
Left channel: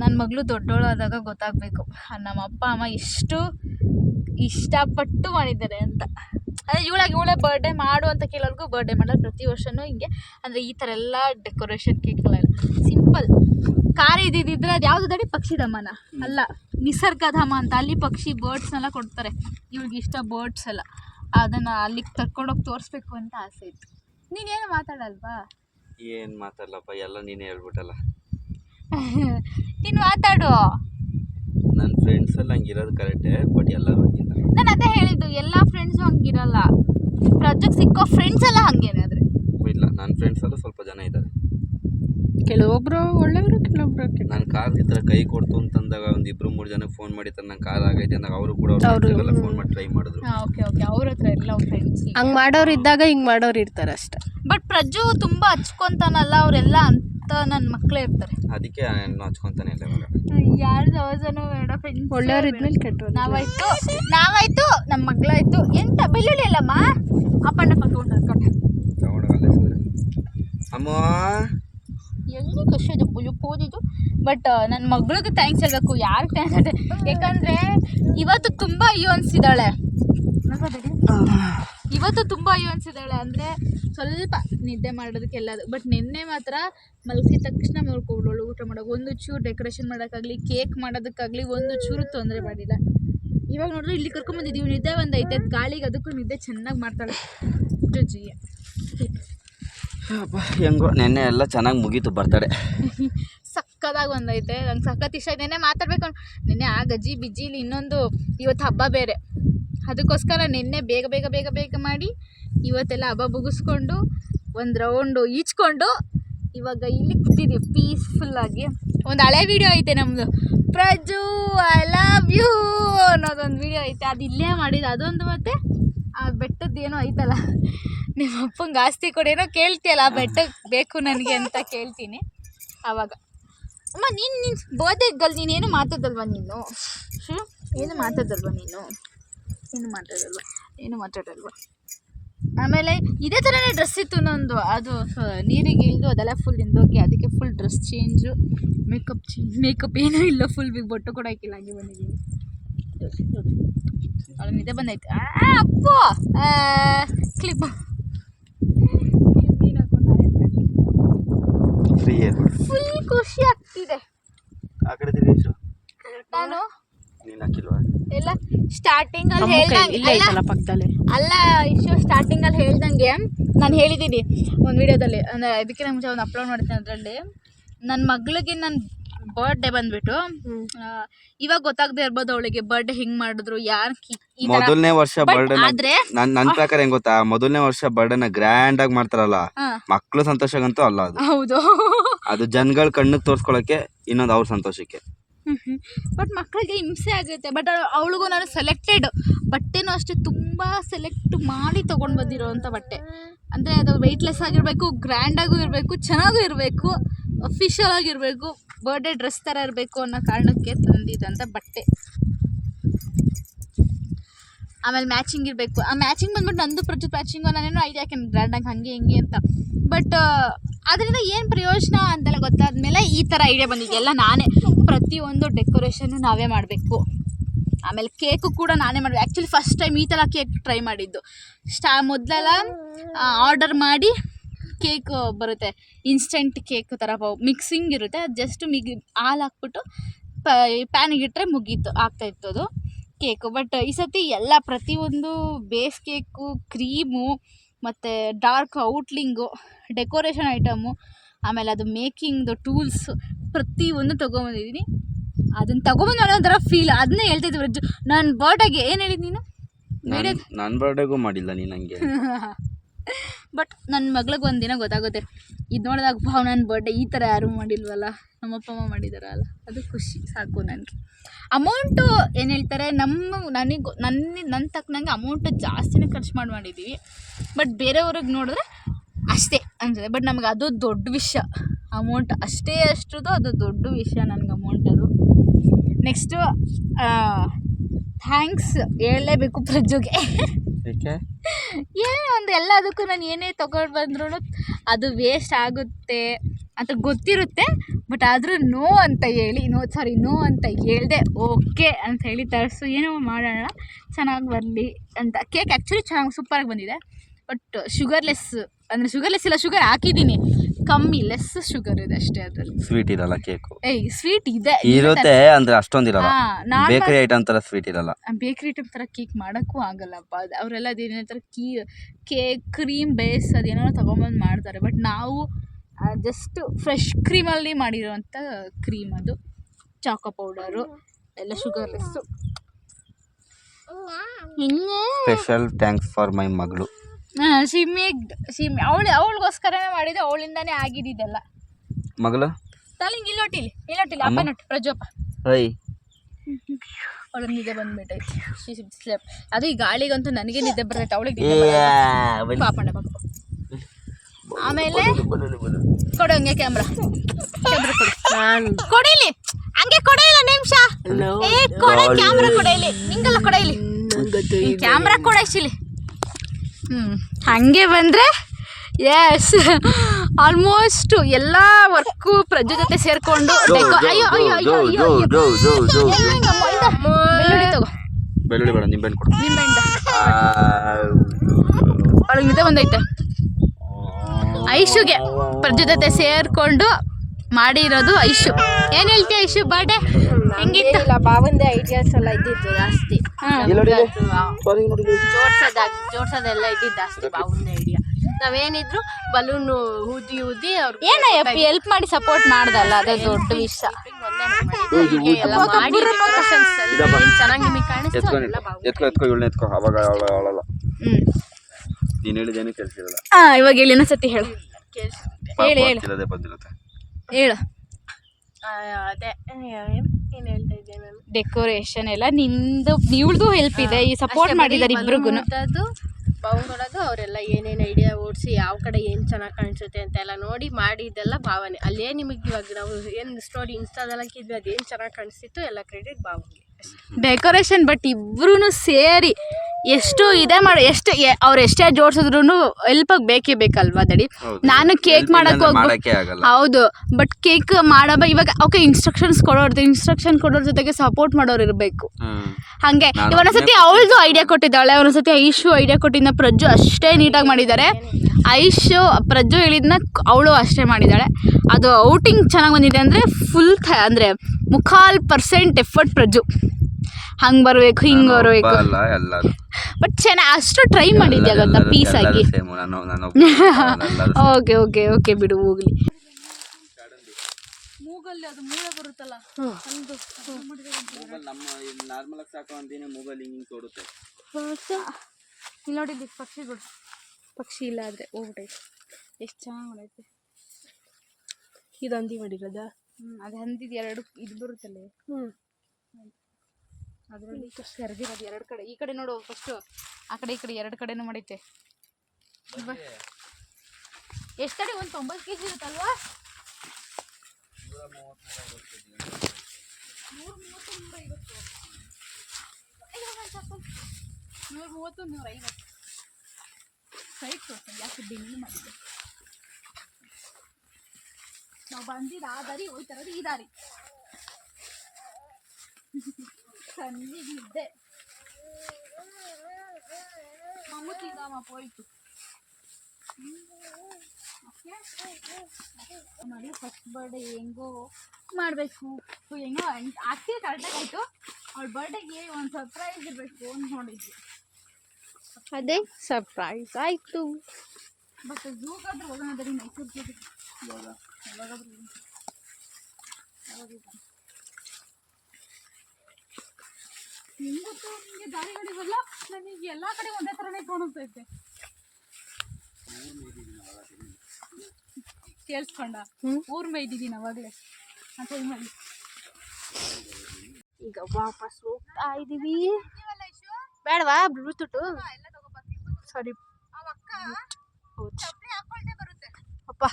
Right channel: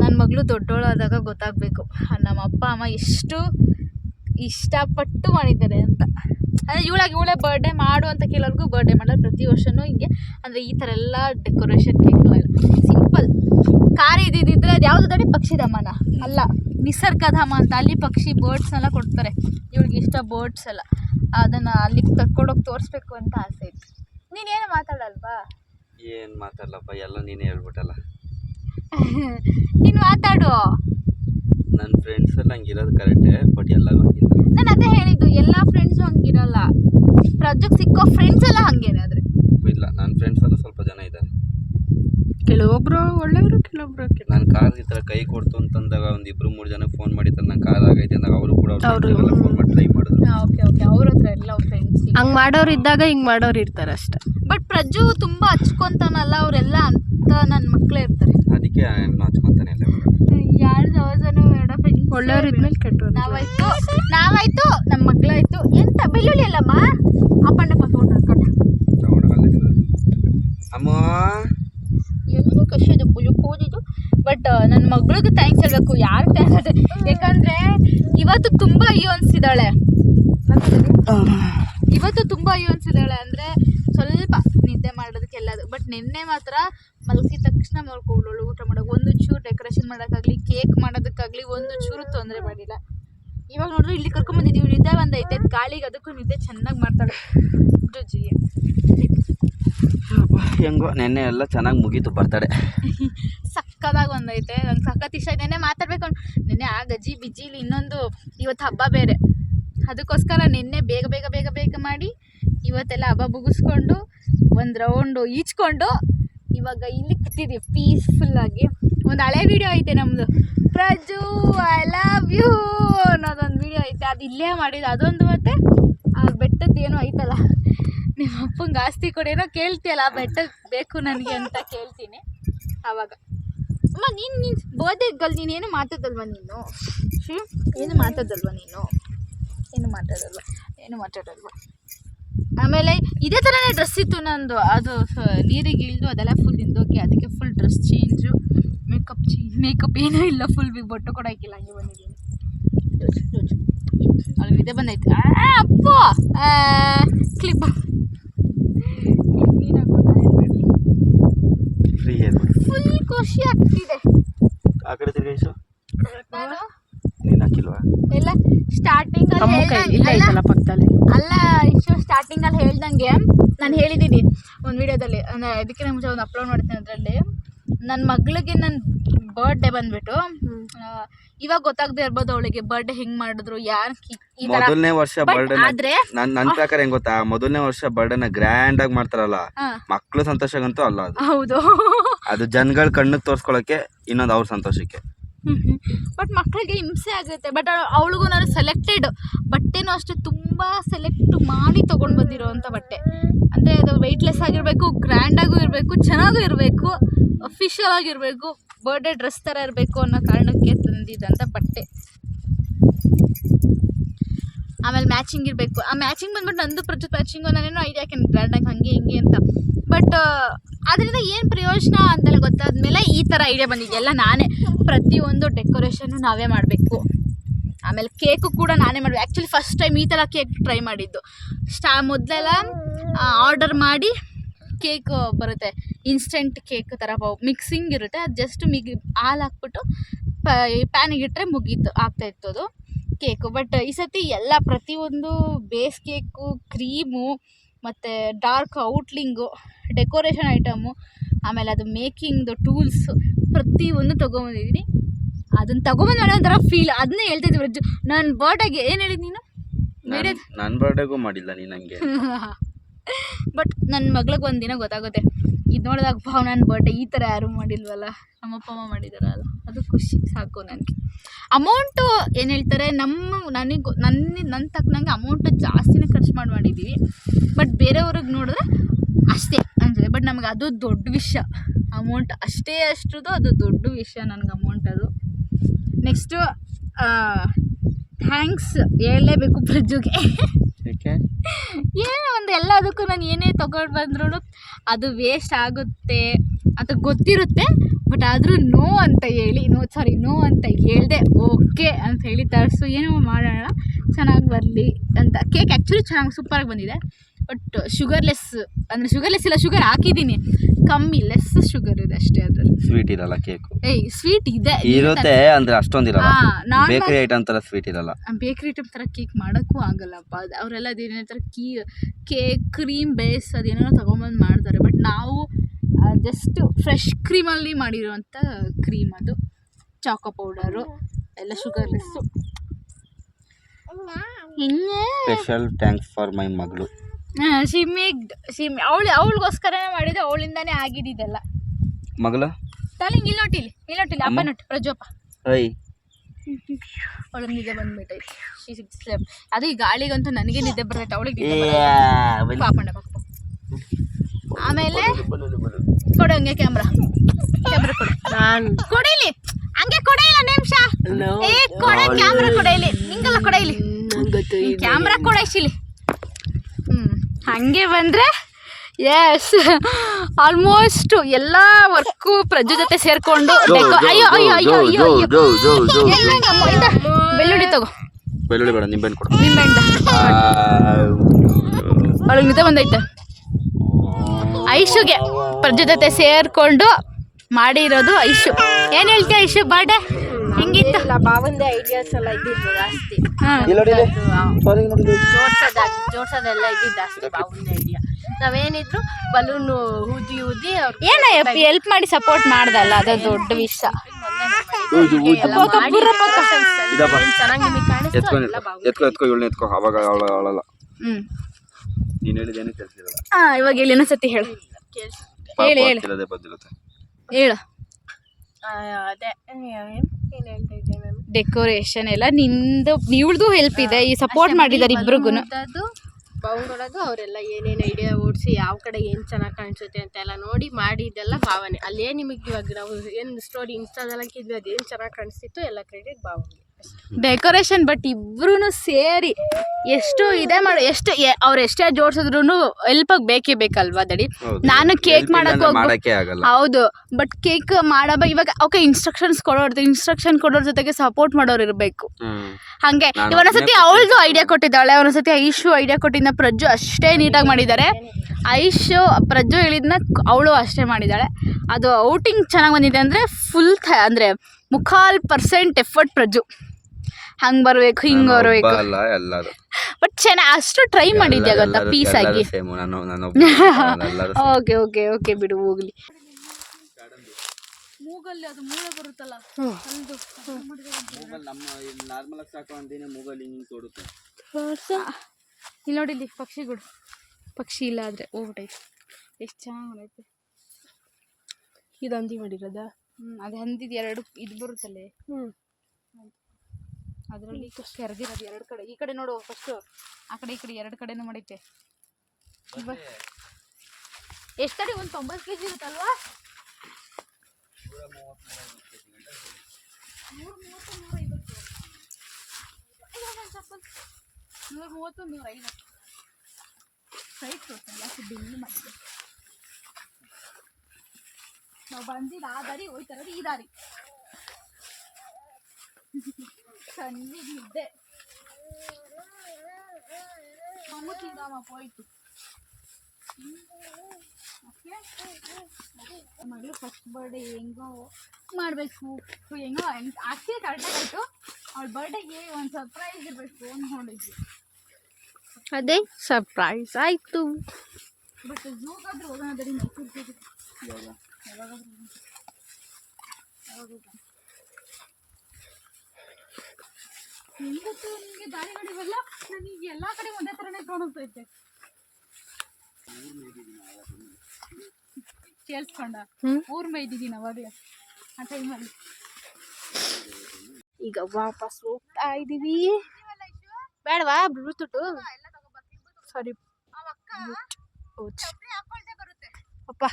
ನನ್ನ ಮಗಳು ದೊಡ್ಡೋಳು ಆದಾಗ ಗೊತ್ತಾಗಬೇಕು ನಮ್ಮ ಅಪ್ಪ ಅಮ್ಮ ಎಷ್ಟು ಇಷ್ಟಪಟ್ಟು ಮಾಡಿದ್ದಾರೆ ಅಂತ. ಅಂದರೆ ಇವಳೇ ಬರ್ಡೇ ಮಾಡು ಅಂತ ಕೇಳೋರ್ಗೂ ಬರ್ಡೇ ಮಾಡೋದು ಪ್ರತಿ ವರ್ಷವೂ ಹಿಂಗೆ. ಅಂದರೆ ಈ ಥರ ಎಲ್ಲ ಡೆಕೋರೇಷನ್ ಕೇಕ್ಗಳೆಲ್ಲ ಸಿಂಪಲ್. ಕಾರ್ ಇದ್ದಿದ್ದರೆ ಅದು ಯಾವುದು ದಡಿ ಪಕ್ಷಿಧಾಮನ ಅಲ್ಲ, ನಿಸರ್ಗಧಾಮ ಅಂತ. ಅಲ್ಲಿ ಪಕ್ಷಿ ಬರ್ಡ್ಸ್ನೆಲ್ಲ ಕೊಡ್ತಾರೆ. ಇವಳಿಗೆ ಇಷ್ಟ ಬರ್ಡ್ಸ್ ಎಲ್ಲ. ಅದನ್ನು ಅಲ್ಲಿಗೆ ತಕ್ಕೊಂಡೋಗಿ ತೋರಿಸ್ಬೇಕು ಅಂತ ಆಸೆ ಇತ್ತು. ನೀನೇನು ಮಾತಾಡಲ್ವಾ? ಏನು ಮಾತಾಡಲಪ್ಪ, ಎಲ್ಲ ನೀನೇ ಹೇಳ್ಬಿಟ್ಟಲ್ಲ. ನೀನು ಮಾತಾಡು. ನನ್ನ ಫ್ರೆಂಡ್ಸ್ ಎಲ್ಲ ಹಂಗಿರೋದು ಕರೆಕ್ಟೇ, ಬಟ್ ಎಲ್ಲರೂ ಹಂಗಿಲ್ಲ. ನಾನು ಅದೇ ಹೇಳಿದ್ದು, ಎಲ್ಲ ಫ್ರೆಂಡ್ಸು ಹಂಗಿರಲ್ಲ. ಪ್ರಾಜೆಕ್ಟ್ ಸಿಕ್ಕೋ ಫ್ರೆಂಡ್ಸ್ ಎಲ್ಲ ಹಂಗೇನೆ. ಆದರೆ ಇಲ್ಲ, ನನ್ನ ಫ್ರೆಂಡ್ಸ್ ಎಲ್ಲ ಸ್ವಲ್ಪ ಜನ ಇದ್ದಾರೆ. ಕೆಲವೊಬ್ರು ಒಳ್ಳೆಯವರು, ಕೆಲವೊಬ್ರು ನಾನು ಕಾರ್ ಈ ಥರ ಕೈ ಕೊಡ್ತು ಅಂತಂದಾಗ ಒಂದು 2-3 ಜನಕ್ಕೆ ಫೋನ್ ಮಾಡಿದ್ರೆ ನನ್ನ ಕಾರ್ ಆಗೈತೆ ಅಂದಾಗ ಅವರು ಕೂಡ ಫೋನ್ ಮಾಡಿ ಟ್ರೈ ಮಾಡಿದ್ರು. ಓಕೆ ಅವ್ರ ಹತ್ರ ಎಲ್ಲ ಫ್ರೆಂಡ್ಸ್ ಹಂಗೆ ಮಾಡೋರು ಇದ್ದಾಗ ಹಿಂಗೆ ಮಾಡೋರು ಇರ್ತಾರೆ ಅಷ್ಟೇ. ಬಟ್ ಪ್ರಜ್ಜು ತುಂಬಾ ಹಚ್ಕೊಂತಾನಲ್ಲ, ಅವರೆಲ್ಲ ಅಂತ ನನ್ನ ಮಕ್ಕಳೇ ಇರ್ತಾರೆ. ಅದಕ್ಕೆ ನಾನು ಹಚ್ಕೊಂತಾನೆ ಇಲ್ಲ. ಯಾರು ಸಹಜನೂ ಬೇಡ, ಫ್ರೆಂಡ್ಸ್ ಒಳ್ಳೆಯವ್ರು ಇದ್ಮೇಲೆ ಕೆಟ್ಟವ್ರು. ನಾವಾಯ್ತು ನಮ್ಮ ಮಗಳಾಯ್ತು. ಎಂತ ಬೆಳ್ಳುಳ್ಳಿ ಅಲ್ಲಮ್ಮ, ಅಪ್ಪಣ್ಣ ತಗೊಂಡು ತಗೊಂಡಾಗಲ್ಲ ಸರ್ ಅಮ್ಮ ಎಲ್ಲಿ ಕಷ್ಟದು ಪೂಜಿದು. ಬಟ್ ನನ್ನ ಮಗಳಿಗೆ ಥ್ಯಾಂಕ್ಸ್ ಹೇಳಬೇಕು. ಯಾರು ಥ್ಯಾಂಕ್ಸ್ ಅದೇ, ಯಾಕಂದರೆ ಇವತ್ತು ತುಂಬ ಅಯ್ಯೋ ಅನಿಸಿದ್ದಾಳೆ. ಅಂದರೆ ಸ್ವಲ್ಪ ನಿದ್ದೆ ಮಾಡೋದಕ್ಕೆಲ್ಲ. ಬಟ್ ನಿನ್ನೆ ಮಾತ್ರ ಮಲಗಿದ ತಕ್ಷಣ ಮಲ್ಕೊಬ್ಳೋಳು. ಊಟ ಮಾಡೋಕೆ ಒಂದು ಚೂರು ಡೆಕೋರೇಷನ್ ಮಾಡೋಕ್ಕಾಗಲಿ, ಕೇಕ್ ಮಾಡೋದಕ್ಕಾಗಲಿ ಒಂದು ಚೂರು ತೊಂದರೆ ಮಾಡಿಲ್ಲ. ಇವಾಗ ನೋಡಿದ್ರೆ ಇಲ್ಲಿ ಕರ್ಕೊಂಬಂದಿದ್ದೀವಿ, ನಿದ್ದೆ ಬಂದೈತೆ ಗಾಳಿಗೆ, ಅದಕ್ಕೂ ನಿದ್ದೆ ಚೆನ್ನಾಗಿ ಮಾಡ್ತಾಳೆ ರುಚಿಗೆ. ಹೆಂಗೋ ನೆನ್ನೆ ಎಲ್ಲ ಚೆನ್ನಾಗಿ ಮುಗೀತು ಬರ್ತಡೆ. ಸಕ್ಕದಾಗಿ ಬಂದೈತೆ, ನಂಗೆ ಸಖತ್ ಇಷ್ಟ. ನೆನ್ನೆ ಮಾತಾಡ್ಬೇಕು, ನೆನ್ನೆ ಆ ಗಜ್ಜಿ ಬಿಜ್ಜಿಲಿ ಇನ್ನೊಂದು ಇವತ್ತು ಹಬ್ಬ ಬೇರೆ, ಅದಕ್ಕೋಸ್ಕರ ನಿನ್ನೆ ಬೇಗ ಬೇಗ ಬೇಗ ಬೇಗ ಮಾಡಿ ಇವತ್ತೆಲ್ಲ ಹಬ್ಬ ಮುಗಿಸ್ಕೊಂಡು ಒಂದು ರೌಂಡು ಈಚ್ಕೊಂಡು ಇವಾಗ ಇಲ್ಲಿ ಕೂತಿದ್ದೀವಿ ಪೀಸ್ಫುಲ್ಲಾಗಿ. ಒಂದು ಹಳೆ ವೀಡಿಯೋ ಐತೆ ನಮ್ಮದು, ಪ್ರಜ್ಜು ಐ ಲವ್ ಯು ಅನ್ನೋದೊಂದು ವೀಡಿಯೋ ಐತೆ, ಅದು ಇಲ್ಲೇ ಮಾಡಿದ್ದು. ಅದೊಂದು ಮತ್ತು ಆ ಬೆಟ್ಟದ್ದು ಏನೋ ಐತಲ್ಲ, ನಿಮ್ಮ ಅಪ್ಪಂಗೆ ಆಸ್ತಿ ಕೊಡೇನೋ ಕೇಳ್ತೀಯಲ್ಲ, ಆ ಬೆಟ್ಟಕ್ಕೆ ಬೇಕು ನನಗೆ ಅಂತ ಕೇಳ್ತೀನಿ. ಆವಾಗ ಅಮ್ಮ ನೀನು ಬೋದೆಗಲ್ ನೀನೇನು ಮಾತಾಡಲ್ವ ನೀನು ಏನು ಮಾತಾಡಲ್ವ. ಆಮೇಲೆ ಇದೇ ಥರನೇ ಡ್ರೆಸ್ ಇತ್ತು ನಂದು, ಅದು ನೀರಿಗೆ ಇಳಿದು ಅದೆಲ್ಲ ಫುಲ್ ಹಿಂದೋಗಿ, ಅದಕ್ಕೆ ಫುಲ್ ಡ್ರೆಸ್ ಚೇಂಜು, ಮೇಕಪ್ ಏನೂ ಇಲ್ಲ, ಫುಲ್ ಬೊಟ್ಟು ಕೂಡ ಹಾಕಿಲ್ಲ, ಹಂಗೆ ಬಂದಿದ್ದೀನಿ. ಅವಳು ನಿದ್ದೆ ಬಂದೈತೆ. ಅಪ್ಪ ಕ್ಲಿಪ್ ಫುಲ್ ಖುಷಿ ಆಗ್ತಿದೆ. ಆ ಕಡೆ ತಿರುಗೇಶು ನಾನು ನೀನು ಹಾಕಿಲ್ವಾ ಎಲ್ಲ ಸ್ಟಾರ್ಟಿಂಗಲ್ಲಿ ಇಲ್ಲ ಐತಲ್ಲ ಪಕ್ಕದಲ್ಲಿ. ಅಲ್ಲ ಇಷ್ಟು ಸ್ಟಾರ್ಟಿಂಗಲ್ಲಿ ಹೇಳ್ದಂಗೆ ನಾನು ಹೇಳಿದ್ದೀನಿ ಒಂದು ವೀಡಿಯೋದಲ್ಲಿ, ಅಂದರೆ ಅದಕ್ಕೆ ಮುಂಚೆ ಒಂದು ಅಪ್ಲೋಡ್ ಮಾಡ್ತೀನಿ. ಅದರಲ್ಲಿ ನನ್ನ ಮಗಳಿಗೆ ನನ್ನ ಬರ್ಡೇ ಬಂದುಬಿಟ್ಟು ಇವಾಗ ಗೊತ್ತಾಗದೆ ಇರ್ಬೋದು ಅವಳಿಗೆ ಬರ್ಡೇ ಹೆಂಗೆ ಮಾಡಿದ್ರು, ಯಾರು ಮೊದಲನೇ ವರ್ಷ ಬರ್ಡೇ. ಆದ್ರೆ ನನ್ನ ಪ್ರಕಾರ ಹೆಂಗ್ ಗೊತ್ತಾ, ಮೊದಲನೇ ವರ್ಷ ಬರ್ಡೇನ ಗ್ರ್ಯಾಂಡ್ ಆಗಿ ಮಾಡ್ತಾರಲ್ಲ, ಮಕ್ಳು ಸಂತೋಷಕ್ಕಂತೂ ಅಲ್ಲ ಅದು. ಹೌದು, ಅದು ಜನಗಳ ಕಣ್ಣಿಗೆ ತೋರ್ಸ್ಕೊಳಕ್ಕೆ, ಇನ್ನೊಂದು ಅವ್ರ ಸಂತೋಷಕ್ಕೆ. ಬಟ್ ಮಕ್ಕಳಿಗೆ ಹಿಂಸೆ ಆಗುತ್ತೆ. ಬಟ್ ಅವಳಿಗೂ ನಾನು ಸೆಲೆಕ್ಟೆಡ್ ಬಟ್ಟೆನೂ ಅಷ್ಟೇ ತುಂಬ ಸೆಲೆಕ್ಟ್ ಮಾಡಿ ತೊಗೊಂಡು ಬಂದಿರೋವಂಥ ಬಟ್ಟೆ. ಅಂದರೆ ಅದು ವೆಯ್ಟ್ಲೆಸ್ ಆಗಿರಬೇಕು, ಗ್ರ್ಯಾಂಡಾಗೂ ಇರಬೇಕು, ಚೆನ್ನಾಗೂ ಇರಬೇಕು, ಅಫಿಷಿಯಲ್ ಆಗಿರಬೇಕು, ಬರ್ಡೇ ಡ್ರೆಸ್ ಥರ ಇರಬೇಕು ಅನ್ನೋ ಕಾರಣಕ್ಕೆ ತಂದಿದ್ದಂಥ ಬಟ್ಟೆ. ಆಮೇಲೆ ಮ್ಯಾಚಿಂಗ್ ಇರಬೇಕು. ಆ ಮ್ಯಾಚಿಂಗ್ ಬಂದ್ಬಿಟ್ಟು ನಂದು ಪ್ರತಿ ಮ್ಯಾಚಿಂಗು ನಾನೇನೋ ಐಡಿಯಾ ಹಾಕಿ ಗ್ರ್ಯಾಂಡಾಗಿ ಹಾಗೆ ಹಿಂಗೆ ಅಂತ. ಬಟ್ ಅದರಿಂದ ಏನು ಪ್ರಯೋಜನ ಅಂತೆಲ್ಲ ಗೊತ್ತಾದ್ಮೇಲೆ ಈ ಥರ ಐಡಿಯಾ ಬಂದಿದೆ. ಎಲ್ಲ ನಾನೇ ಪ್ರತಿಯೊಂದು ಡೆಕೋರೇಷನ್ನು ನಾವೇ ಮಾಡಬೇಕು. ಆಮೇಲೆ ಕೇಕು ಕೂಡ ನಾನೇ ಮಾಡಬೇಕು. ಆ್ಯಕ್ಚುಲಿ ಫಸ್ಟ್ ಟೈಮ್ ಈ ಥರ ಕೇಕ್ ಟ್ರೈ ಮಾಡಿದ್ದು. ಮೊದಲೆಲ್ಲ ಆರ್ಡರ್ ಮಾಡಿ ಕೇಕ್ ಬರುತ್ತೆ, ಇನ್ಸ್ಟೆಂಟ್ ಕೇಕ್ ಥರ ಮಿಕ್ಸಿಂಗ್ ಇರುತ್ತೆ, ಅದು ಜಸ್ಟ್ ಹಾಲು ಹಾಕ್ಬಿಟ್ಟು ಪ್ಯಾನಿಗೆ ಇಟ್ಟರೆ ಮುಗೀತು, ಆಗ್ತಾಯಿತ್ತು ಅದು ಕೇಕು. ಬಟ್ ಈ ಸತಿ ಎಲ್ಲ ಪ್ರತಿಯೊಂದು ಬೇಸ್ ಕೇಕು, ಕ್ರೀಮು ಮತ್ತು ಡಾರ್ಕ್ ಔಟ್ಲಿಂಗು, ಡೆಕೋರೇಷನ್ ಐಟಮು, ಆಮೇಲೆ ಅದು ಮೇಕಿಂಗ್ದು ಟೂಲ್ಸ್ ಪ್ರತಿಯೊಂದು ತೊಗೊಂಬಂದಿದ್ದೀನಿ. ಅದನ್ನು ತೊಗೊಂಬಂದು ಮಾಡೋ ಒಂಥರ ಫೀಲ್. ಅದನ್ನೇ ಹೇಳ್ತಿದ್ವಿ ರಜ್ಜು, ನನ್ನ ಬರ್ಡೇಗೆ ಏನು ಹೇಳಿದ್ದು ನೀನು? ನನ್ನ ಬರ್ಡೇಗೂ ಮಾಡಿಲ್ಲ ನೀನು ಹಂಗೆ. ಬಟ್ ನನ್ನ ಮಗಳಿಗೆ ಒಂದಿನ ಗೊತ್ತಾಗುತ್ತೆ, ಇದು ನೋಡಿದಾಗ ಭಾವ ನನ್ನ ಬರ್ಡೇ ಈ ಥರ ಯಾರೂ ಮಾಡಿಲ್ವಲ್ಲ, ನಮ್ಮಪ್ಪ ಅಮ್ಮ ಮಾಡಿದಾರಲ್ಲ, ಅದು ಖುಷಿ ಸಾಕು ನನಗೆ. ಅಮೌಂಟು ಏನು ಹೇಳ್ತಾರೆ, ನನ್ನ ತಕ್ಕನಂಗೆ ಅಮೌಂಟು ಜಾಸ್ತಿನೇ ಖರ್ಚು ಮಾಡಿದ್ದೀವಿ. ಬಟ್ ಬೇರೆಯವ್ರಿಗೆ ನೋಡಿದ್ರೆ ಅಷ್ಟೇ ಅನ್ಸುತ್ತೆ. ಬಟ್ ನಮಗೆ ಅದು ದೊಡ್ಡ ವಿಷಯ, ಅಮೌಂಟ್ ಅಷ್ಟರದ್ದು ಅದು ದೊಡ್ಡ ವಿಷಯ ನನಗೆ ಅಮೌಂಟ್. ಅದು ನೆಕ್ಸ್ಟು ಥ್ಯಾಂಕ್ಸ್ ಹೇಳಲೇಬೇಕು ಪ್ರಜ್ಜುಗೆ. ಏನೋ ಒಂದು ಎಲ್ಲದಕ್ಕೂ ನಾನು ಏನೇ ತೊಗೊಂಡು ಬಂದ್ರೂ ಅದು ವೇಸ್ಟ್ ಆಗುತ್ತೆ ಅಂತ ಗೊತ್ತಿರುತ್ತೆ. ಬಟ್ ಆದರೂ ನೋ ಅಂತ ಹೇಳ್ದೆ ಓಕೆ ಅಂತ ಹೇಳಿ ತರಿಸು, ಏನೋ ಮಾಡೋಣ ಚೆನ್ನಾಗಿ ಬರಲಿ ಅಂತ. ಕೇಕ್ ಆ್ಯಕ್ಚುಲಿ ಚೆನ್ನಾಗಿ ಸೂಪರಾಗಿ ಬಂದಿದೆ. ಬಟ್ ಶುಗರ್ಲೆಸ್ ಇಲ್ಲ, ಶುಗರ್ ಹಾಕಿದ್ದೀನಿ ಕಮ್ಮಿ, ಲೆಸ್ ಶುಗರ್ ಇದೆ ಅಷ್ಟೇ. ಅದ್ರಲ್ಲಿ ಸ್ವೀಟ್ ಇರಲ್ಲ ಕೇಕು. ಸ್ವೀಟ್ ಇದೆ ಇರುತ್ತೆ ಅಂದ್ರೆ ಅಷ್ಟೊಂದಿರಲ್ಲ. ಬೇಕರಿ ಐಟಮ್ ತರ ಸ್ವೀಟ್ ಇರಲ್ಲ. ಬೇಕರಿ ಐಟಮ್ ಥರ ಕೇಕ್ ಮಾಡೋಕ್ಕೂ ಆಗಲ್ಲಪ್ಪ. ಅವರೆಲ್ಲ ಅದೇನೇ ಥರ ಕೇಕ್ ಕ್ರೀಮ್ ಬೇಸ್ ಅದೇನೋ ತೊಗೊಂಬಂದು ಮಾಡ್ತಾರೆ. ಬಟ್ ನಾವು ಜಸ್ಟ್ ಫ್ರೆಶ್ ಕ್ರೀಮಲ್ಲಿ ಮಾಡಿರೋವಂಥ ಕ್ರೀಮ್, ಅದು ಚಾಕೋ ಪೌಡರು ಎಲ್ಲ sugarless. Special thanks for my ಮಗಳು. ಸಿಮ್ಮಿ ಅವಳಿಗೋಸ್ಕರನೇ ಮಾಡಿದ್ದು, ಅವಳಿಂದಾನೇ ಆಗಿದ್ದೆಲ್ಲ. ಮಗಳ ತಾಲಿಂಗ್ ಇಲ್ಲಿ ನೋಟಿಲಿ ಅಪ್ಪ ಅಮ್ಮ? ನೋಟ್ ಪ್ರಜೋಪ ಐ ಅವಳಿಗೆ ನಿದ್ದೆ ಬಂದ್ಬಿಟ್ಟೈತಿ. ಅದು ಈ ಗಾಳಿಗಂತೂ ನನಗೆ ನಿದ್ದೆ ಬರ್ತೈತೆ, ಅವಳಿಗೆ ನಿದ್ದೆ ಬರ್ತೈತೆ. ಪಾಪಣ್ಣ ಪಾಪ. ಆಮೇಲೆ ಕೊಡು ಹಂಗೆ ಕ್ಯಾಮ್ರಾ ಕೊಡು. ನಾನು ಕೊಡಿಲಿ ಹಂಗೆ ಕೊಡೈಲ್ಲ ನಿಮಿಷ. ಕೊಡ ಕ್ಯಾಮ್ರಾ ಕೊಡೈಲಿ, ನಿಂಗೆಲ್ಲ ಕೊಡೈಲಿ ಕ್ಯಾಮ್ರಾ ಕೊಡೈಸಿಲಿ. ಹಂಗೆ ಬಂದ್ರೆ ಎಸ್ ಆಲ್ಮೋಸ್ಟ್ ಎಲ್ಲ ವರ್ಕು ಪ್ರಜು ಜೊತೆ ಸೇರ್ಕೊಂಡು ಅಯ್ಯೋ ಅಯ್ಯೋ ಅಯ್ಯೋ ಅಯ್ಯೋ ಬೆಳ್ಳುಳ್ಳಿ ತಗೋ, ಬೆಳ್ಳುಳ್ಳಿ ಬೇಡ, ನಿಂಬೆಹಣ್ಣು ಕೊಡು. ನಿಂಬೆಹಣ್ಣ ಅವಳಿಗೆ ನಿದ್ದೆ ಬಂದೈತೆ. ಐಶುಗೆ ಪ್ರಜು ಜೊತೆ ಸೇರ್ಕೊಂಡು ಮಾಡಿರೋದು ಐಶು. ಏನ್ ಹೇಳ್ತೀಯ ಐಶು ಬರ್ಡೇ ಹೆಂಗಿತ್ತು? ಬಾವಂದೇ ಐಡಿಯಾಸ್ ಎಲ್ಲ ಇದ್ದಿದ್ದು ಜಾಸ್ತಿ, ಜೋಡ್ಸೋದೆಲ್ಲ ಇದ್ದಿದ್ದು ಜಾಸ್ತಿ ಬಾವಂದೇ ಐಡಿಯಾ. ನಾವೇನಿದ್ರು ಬಲೂನ್ ಊದಿ ಅವ್ರು ಏನಯ್ಯಪ್ಪಿ ಹೆಲ್ಪ್ ಮಾಡಿ ಸಪೋರ್ಟ್ ಮಾಡ್ದಲ್ಲ, ಅದೇ ದೊಡ್ಡ ವಿಷಯ. ಚೆನ್ನಾಗಿ ನಿಮಗೆ ಕಾಣಿಸ್ತು. ಎತ್ಕೋ ಇವಳನ್ನ ಎತ್ಕೋ, ಅವಾಗ ಅವಳಲ್ಲ. ನೀನು ಹೇಳಿದೇನು ಕೇಳಿಸಿರಲ್ಲ. ಇವಾಗ ಹೇಳಿ ಇನ್ನೊಂದ್ಸತಿ ಹೇಳು. ಹೇಳಿ ಬಂದಿರುತ್ತೆ ಹೇಳು. ಅದೇ ಏನು ಹೇಳ್ತಾ ಇದ್ದೆ ನಾನು, ಡೆಕೋರೇಷನ್ ಎಲ್ಲ ನಿಂದು ಇವಳ್ದು ಹೆಲ್ಪ್ ಇದೆ, ಈ ಸಪೋರ್ಟ್ ಮಾಡಿದ್ದಾರೆ ಇಬ್ರಿಗೂ. ಬಾವುಗಳದು ಅವರೆಲ್ಲ ಏನೇನು ಐಡಿಯಾ ಓಡಿಸಿ ಯಾವ ಕಡೆ ಏನು ಚೆನ್ನಾಗಿ ಕಾಣಿಸುತ್ತೆ ಅಂತೆಲ್ಲ ನೋಡಿ ಮಾಡಿದ್ದೆಲ್ಲ ಭಾವನೆ. ಅಲ್ಲೇ ನಿಮಗೆ ಇವಾಗ ನಾವು ಏನು ಸ್ಟೋರಿ ಇನ್ಸ್ಟಾದಲ್ಲಿ ಹಾಕಿದ್ವಿ ಅದೇನು ಚೆನ್ನಾಗಿ ಕಾಣಿಸ್ತಿತ್ತು ಎಲ್ಲ ಕ್ರೆಡಿಟ್ ಭಾವನೆ. ಡೆಕೋರೇಷನ್ ಬಟ್ ಇಬ್ರು ಸೇರಿ ಎಷ್ಟು ಇದೆ ಮಾಡಿ ಎಷ್ಟು ಅವ್ರು ಎಷ್ಟೇ ಜೋಡ್ಸಿದ್ರು ಹೆಲ್ಪಾಗಿ ಬೇಕೇ ಬೇಕಲ್ವಾ ದಡಿ. ನಾನು ಕೇಕ್ ಮಾಡಕ್ಕೆ ಹೋಗ್ಬೇಕು, ಹೌದು, ಬಟ್ ಕೇಕ್ ಮಾಡೋ ಇವಾಗ ಓಕೆ ಇನ್ಸ್ಟ್ರಕ್ಷನ್ ಕೊಡೋರ ಜೊತೆಗೆ ಸಪೋರ್ಟ್ ಮಾಡೋರು ಇರಬೇಕು. ಹಂಗೆ ಒಂದೊಂದ್ಸತಿ ಅವಳದು ಐಡಿಯಾ ಕೊಟ್ಟಿದ್ದಾಳೆ, ಒಂದೊಂದ್ಸತಿ ಐಶು ಐಡಿಯಾ ಕೊಟ್ಟಿದ್ದ. ಪ್ರಜ್ಜು ಅಷ್ಟೇ ನೀಟಾಗಿ ಮಾಡಿದ್ದಾರೆ. ಐಶು ಪ್ರಜ್ಜು ಹೇಳಿದ್ನ ಅವಳು ಅಷ್ಟೇ ಮಾಡಿದ್ದಾಳೆ. ಅದು ಔಟಿಂಗ್ ಚೆನ್ನಾಗಿ ಬಂದಿದೆ ಅಂದರೆ ಫುಲ್ ಅಂದರೆ 3% ಎಫರ್ಟ್ ಪ್ರಜ್ಜು. ಹಂಗೆ ಬರಬೇಕು ಹಿಂಗೆ ಬರಬೇಕು ಬಟ್ ಚೆನ್ನಾಗಿ ಅಷ್ಟು ಟ್ರೈ ಮಾಡಿದ್ಯಾ ಗೊತ್ತಾ ಪೀಸ್ ಆಗಿ. ಓಕೆ ಓಕೆ ಓಕೆ ಬಿಡು ಹೋಗ್ಲಿ. ಮೂಗಲ್ಲಿ ಅದು ಮೂಳೆ ಬರುತ್ತಲ್ಲ, ನಮ್ಮ ನಾರ್ಮಲ್ ಆಗಿ ಸಾಕು ಅಂತೀನಿ, ಮೂಗಲ್ಲಿ ಹಿಂಗೆ ತೋಡುತ್ತೆ. ಇಲ್ಲಿ ನೋಡಿ, ಇಲ್ಲಿ ಪಕ್ಷಿಗಳು, ಪಕ್ಷಿ ಇಲ್ಲ ಆದರೆ ಹೋಗ್ಬಿಟ್ಟೈತೆ. ಎಷ್ಟು ಚೆನ್ನಾಗಿ ಮಾಡೈತೆ. ಇದು ಹಂದಿ ಮಾಡಿರೋದ? ಅದು ಹಂದಿದ್ದು ಎರಡು ಇದು ಬರುತ್ತಲ್ಲೇ, ಅದರಲ್ಲಿ ಕೆರೆದಿರೋದು ಎರಡು ಕಡೆ. ಈ ಕಡೆ ನೋಡು ಫಸ್ಟು, ಆ ಕಡೆ ಈ ಕಡೆ ಎರಡು ಕಡೆನೂ ಮಾಡೈತೆ. ಎಷ್ಟು ತಡಿ ಒಂದು 90 kg ಇರುತ್ತಲ್ವಾ? 130-150 ಸೈಟ್ ತೋರಿಸ್ತಾನೆ ಯಾಕೆ ಬೆಂಗ್ಳು ಮಾಡಿದೆ. ನಾವು ಬಂದಿದ್ದು ಆ ದಾರಿ, ಹೋಯ್ತಾರದು ಈ ದಾರಿ. ಸಂಜೆಗೆ ನಿದ್ದೆ ಮಮ್ಮೂತಿಂಗಮ್ಮ ಹೋಯ್ತು. ಮಗಳು ಫಸ್ಟ್ ಬರ್ಡೇ ಹೆಂಗೋ ಮಾಡಬೇಕು, ಹೆಂಗೋ ಆಕ್ಚುಲಿ ಕರೆಕ್ಟಾಗಾಯ್ತು. ಅವಳ ಬರ್ಡೇಗೆ ಒಂದು ಸರ್ಪ್ರೈಸ್ ಇರಬೇಕು ಅಂತ ನೋಡಿದ್ವಿ. ಅದೇ ಸರ್ಪ್ರೈಸ್ ಆಯಿತು. ಬಟ್ ಝೂಗಾದ್ರೂ ಹೋಗೋಣ ದಡಿ, ಮೈಸೂರು ಝೂಗೆ ಯಾವಾಗಾದ್ರೂ ಹೆಂಗೆ ಗೊತ್ತು ನಿಮಗೆ ದಾರಿಗಳಿವೆಲ್ಲ? ನನಗೆ ಎಲ್ಲ ಕಡೆ ಒಂದೇ ಥರನೇ ಕಾಣಿಸ್ತೈತೆ. ಕೇಳಿಸ್ಕೊಂಡ ಊರ್ ಮೈದಿದ್ದೀನಿ ಅವಾಗಲೇ ಆ ಟೈಮಲ್ಲಿ. ಈಗ ವಾಪಸ್ ಹೋಗ್ತಾ ಇದ್ದೀವಿ. ಬೇಡವಾ ಬ್ಲೂಟೂತು? ಸಾರಿ ಅಪ್ಪ,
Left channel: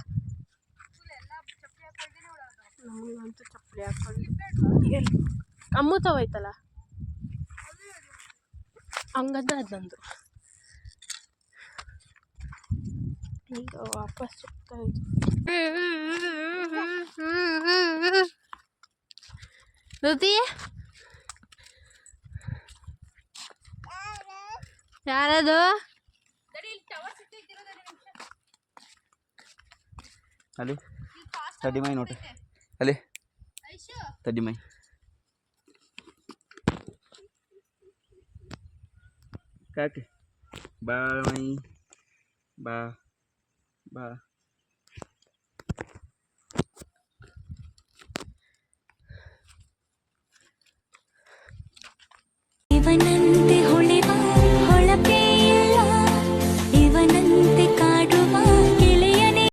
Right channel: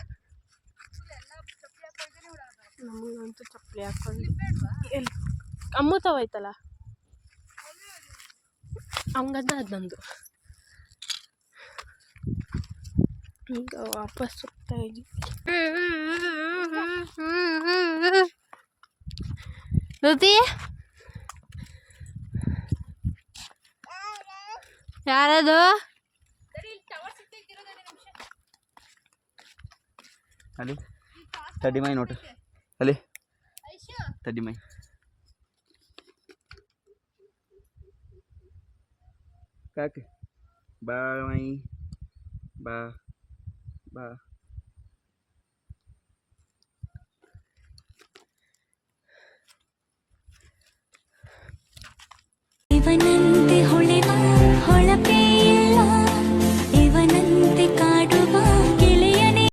ನಮಗಂತೂ ಚಪ್ಪಲಿ ಹಾಕೊಂಡು ಎಲ್ಲಿ ಅಮ್ಮುತ್ತವೈತಲ್ಲ ಹಂಗಂದ್ರೆ ಅದು ನಂದು. ಈಗ ವಾಪಸ್ ಹೋಗ್ತಾ ಇದ್ದೀವಿ. ಜ್ಯೋತಿ ಯಾರದು? ಅಲ್ಲಿ ತಡಿಮೈ ನೋಟು, ಅಲ್ಲಿ ತಡಿಮೈ. ಕಾಕೆ ಬಾ ಮೈ, ಬಾ ಬಾ.